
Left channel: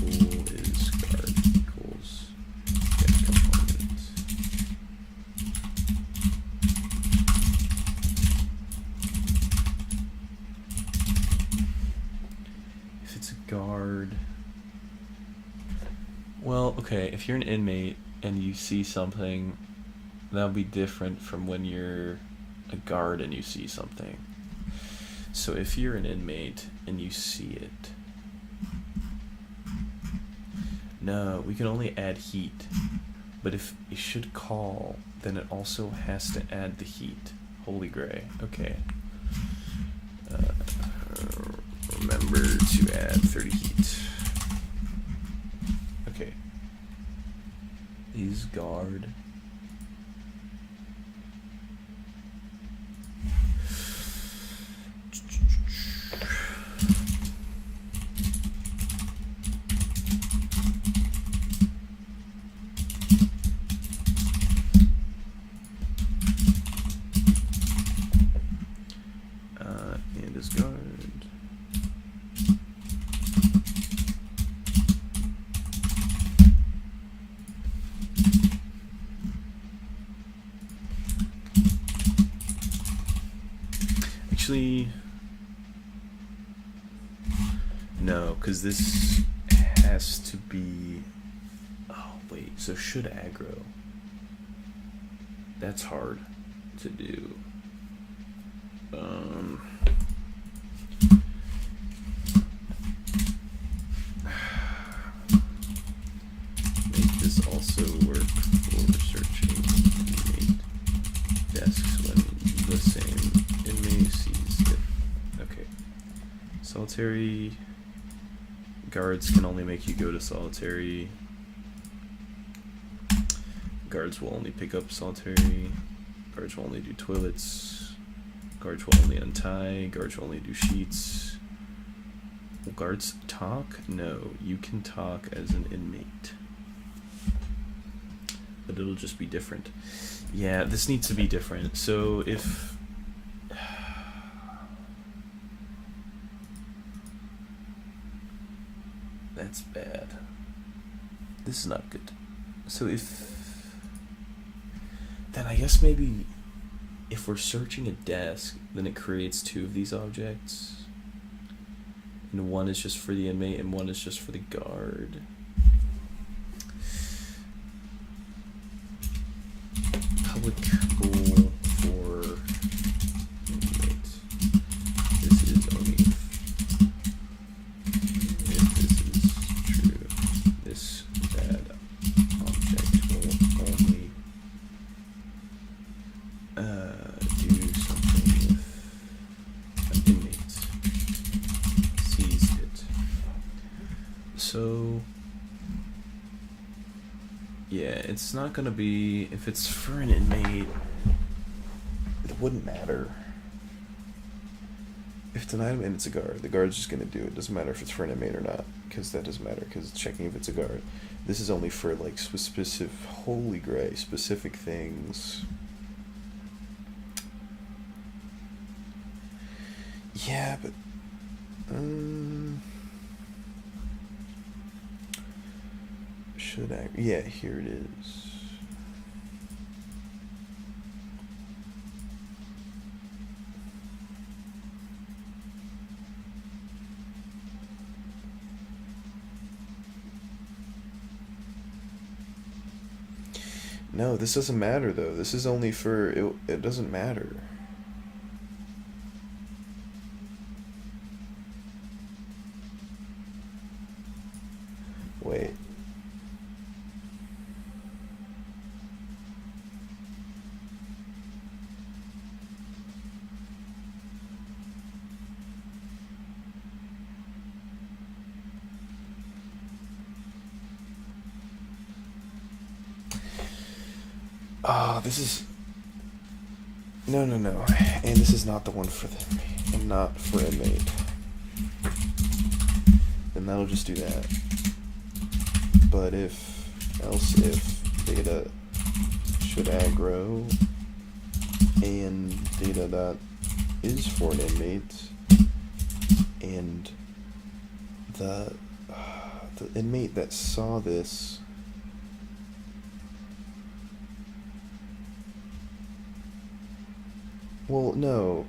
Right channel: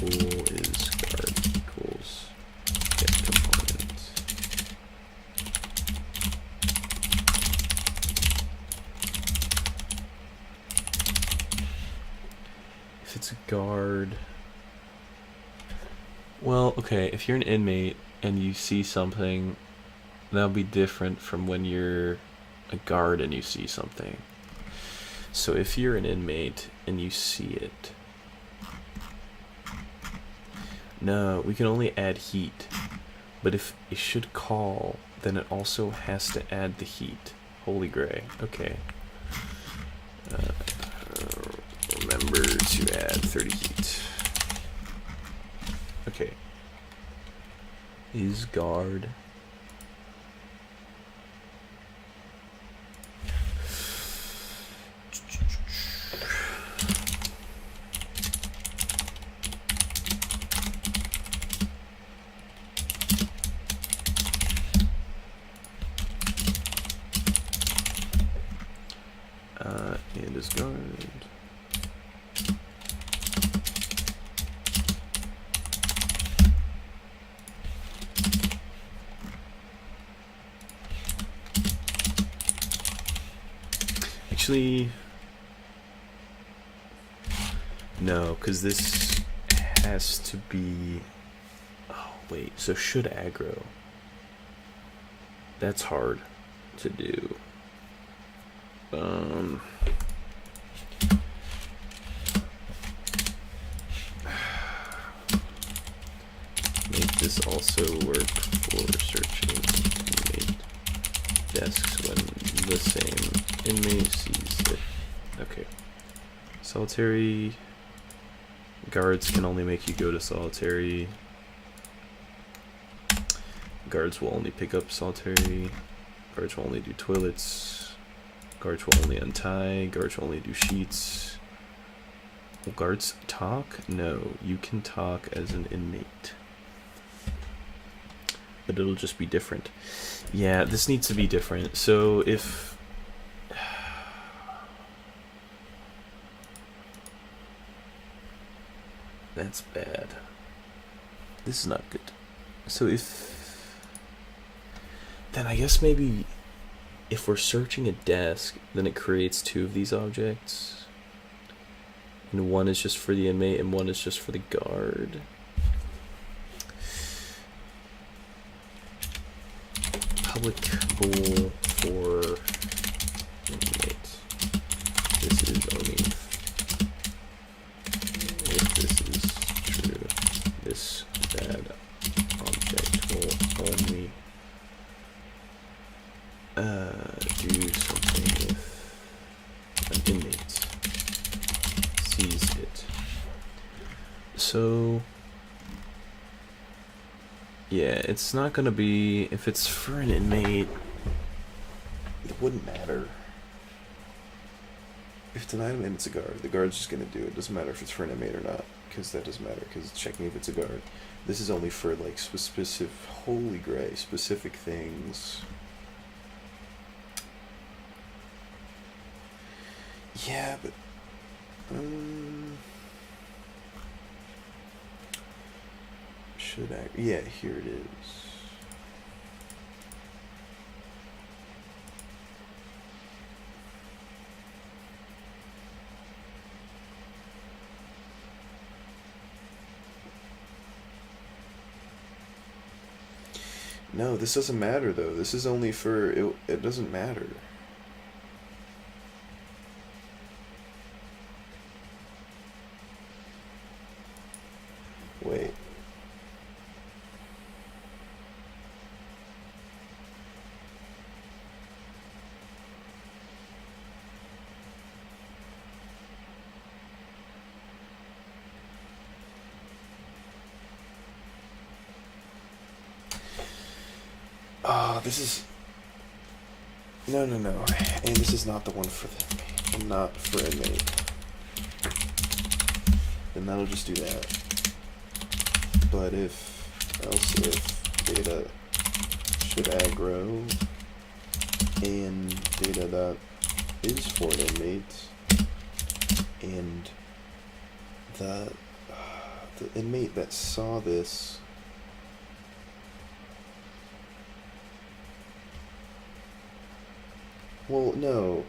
bool is guard equals get component. If it's a guard, well, okay, if you're an inmate and you see something, that'll be different from when you're a guard and you see something. So if you're an inmate and you see it, no, we can only add heat. But if it should call, then it also has to add the heat. Holy gray. Okay. Remember to add 30 heat. Okay. Is guard. this guard. Actually, no, because this has to be... Oh, wait, so should aggro. That's hard to do. Make this also work for searching inmate desks when the same inmate sees it. Okay. Solitary guards can only make you go to solitary. Guards will only pick up solitary. Guards will only do toilets. Guards will only untie. Guards will only do sheets. Will guards talk? No, you can talk as an inmate. But it'll just be different. Yeah, this needs to be different. So if... That's bad. This is not good. So if... Then I guess maybe if we're searching a desk, then it creates two of these objects. And one is just for the inmate and one is just for the guard. Public bool for inmate. This is only if this is true. This bad object will only do something if an inmate sees it. So yeah, it's not gonna be, if it's for an inmate, it wouldn't matter. If it's an item and it's a guard, the guard's just gonna do it. Doesn't matter if it's for an inmate or not, because that doesn't matter, because it's checking if it's a guard. This is only for like specific, holy gray, specific things. Yeah, but should I? Yeah, here it is. No, this doesn't matter though. This is only for it. It doesn't matter. Wait. Oh, this is... No. And this is not the one for the inmate. And not for inmate. Then that'll just do that. But if data should aggro and data that is for an inmate and the inmate that saw this well no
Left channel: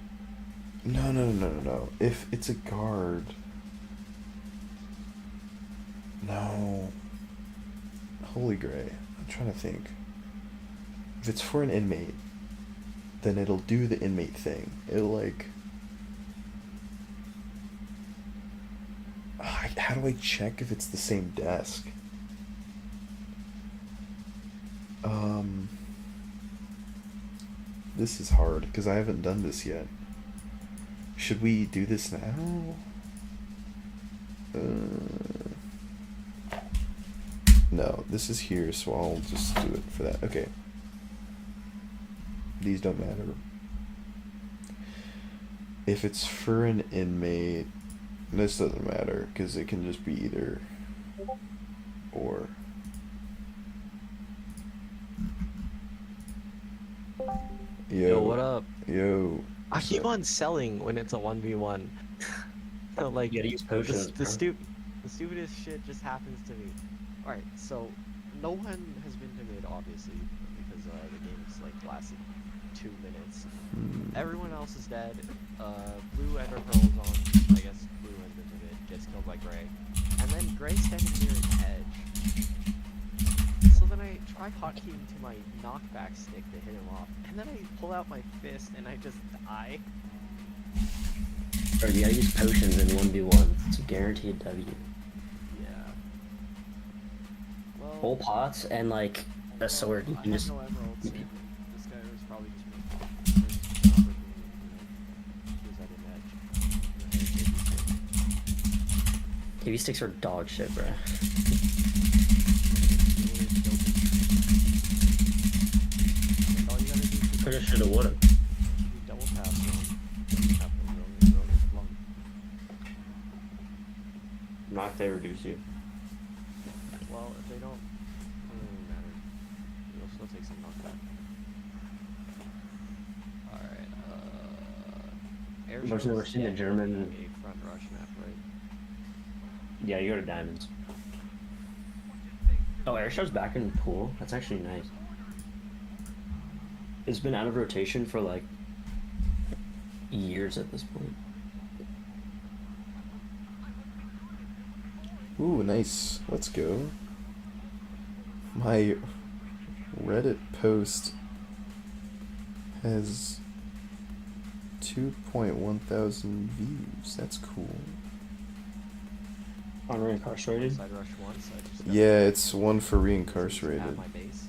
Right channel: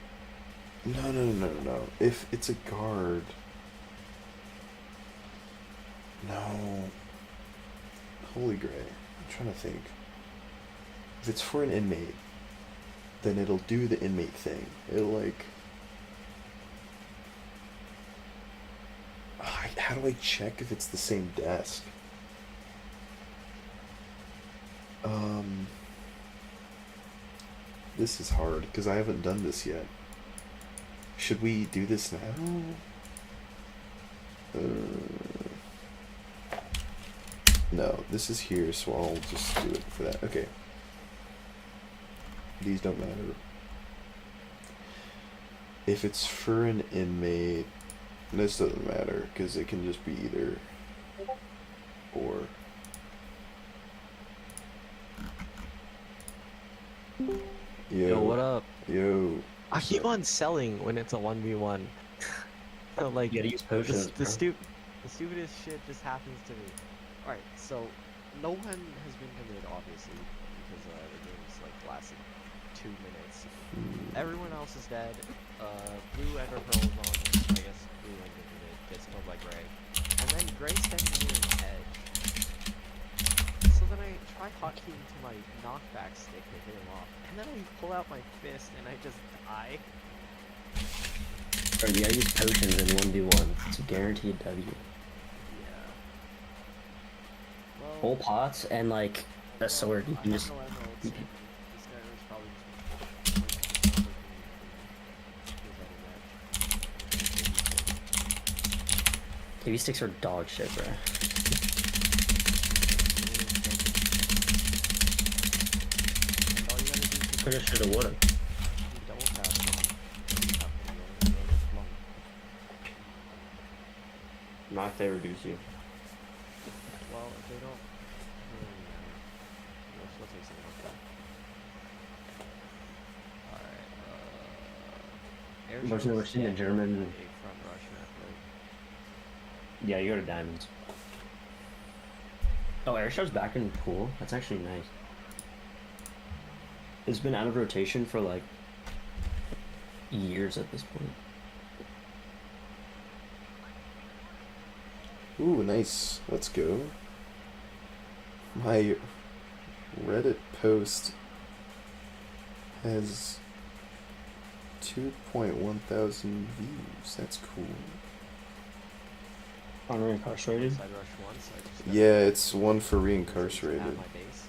if it's a guard no. Holy gray. I'm trying to think. If it's for an inmate, then it'll do the inmate thing. It'll like... How do I check if it's the same desk? This is hard, because I haven't done this yet. Should we do this now? No, this is here, so I'll just do it for that. Okay. These don't matter. If it's for an inmate, this doesn't matter, because it can just be either or. Yo, what up? Yo. I keep on selling when it's a 1v1. So like, You gotta use potions, the bro. the stupidest shit just happens to me. Alright, so no one has been to mid, obviously, because the game's like lasted 2 minutes. Everyone else is dead. Blue Ender Pearl's on, I guess Blue Ender mid, gets killed by Gray. And then Gray standing near an edge. So then I try hotkeying to my knockback stick to hit him off. And then I pull out my fist and I just die. Bro, you gotta use potions in 1v1. It's a guaranteed W. Yeah. Well, Whole pots and like a sword. You I can have just. no emeralds, and this guy was probably just there's just an opportunity, he was at an edge. KB sticks are dog shit, bro. And all you gotta do is Coulda, shoulda, woulda. you double tap and tap and you'll get flung. Not if they reduce you. Well, if they don't, it doesn't really matter. You'll still take some knockback. Alright, air I've shows never seen a German. a front rush map, right? Yeah, you go to diamonds. Oh, Airshow's back in the pool. That's actually nice. It's been out of rotation for like years at this point. Ooh, nice. Let's go. My Reddit post has 2.1 thousand views. That's cool. On reincarcerated? Side rush once, I just Yeah, it's one for at reincarcerated. my base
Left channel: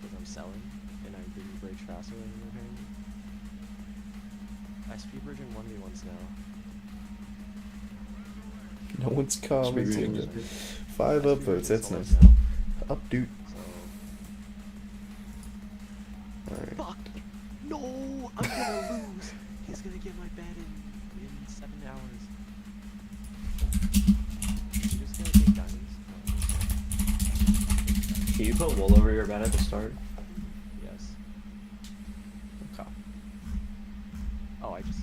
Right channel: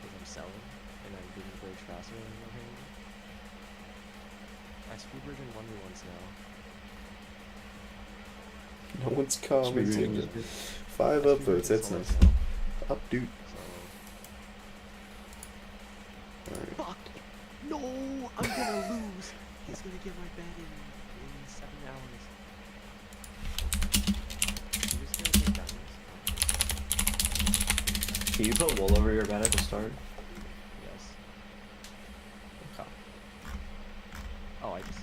because I'm selling and I'm getting bridge faster than you're hitting. I speed bridge in 1v1s now. No one's commenting. Speed 5 I speed bridge upvotes. in That's solos nice. now, Up, dude. so Alright. fuck! No! I'm gonna lose! He's gonna get my bed in 7 hours. You just gonna take diamonds? Can you put wool over your bed at the start? Yes. Okay. Oh, I just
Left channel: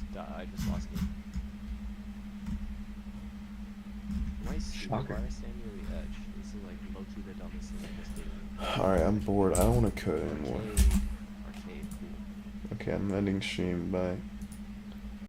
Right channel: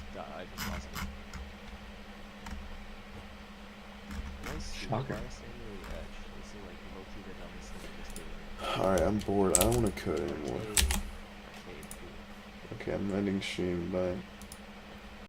lost it. Nice. Shocker. Why I stand near the edge? This is like low-key the dumbest thing I just did. Alright, I'm bored. I don't want to code anymore. Arcade. Arcade. Cool. Okay, I'm ending stream. Bye.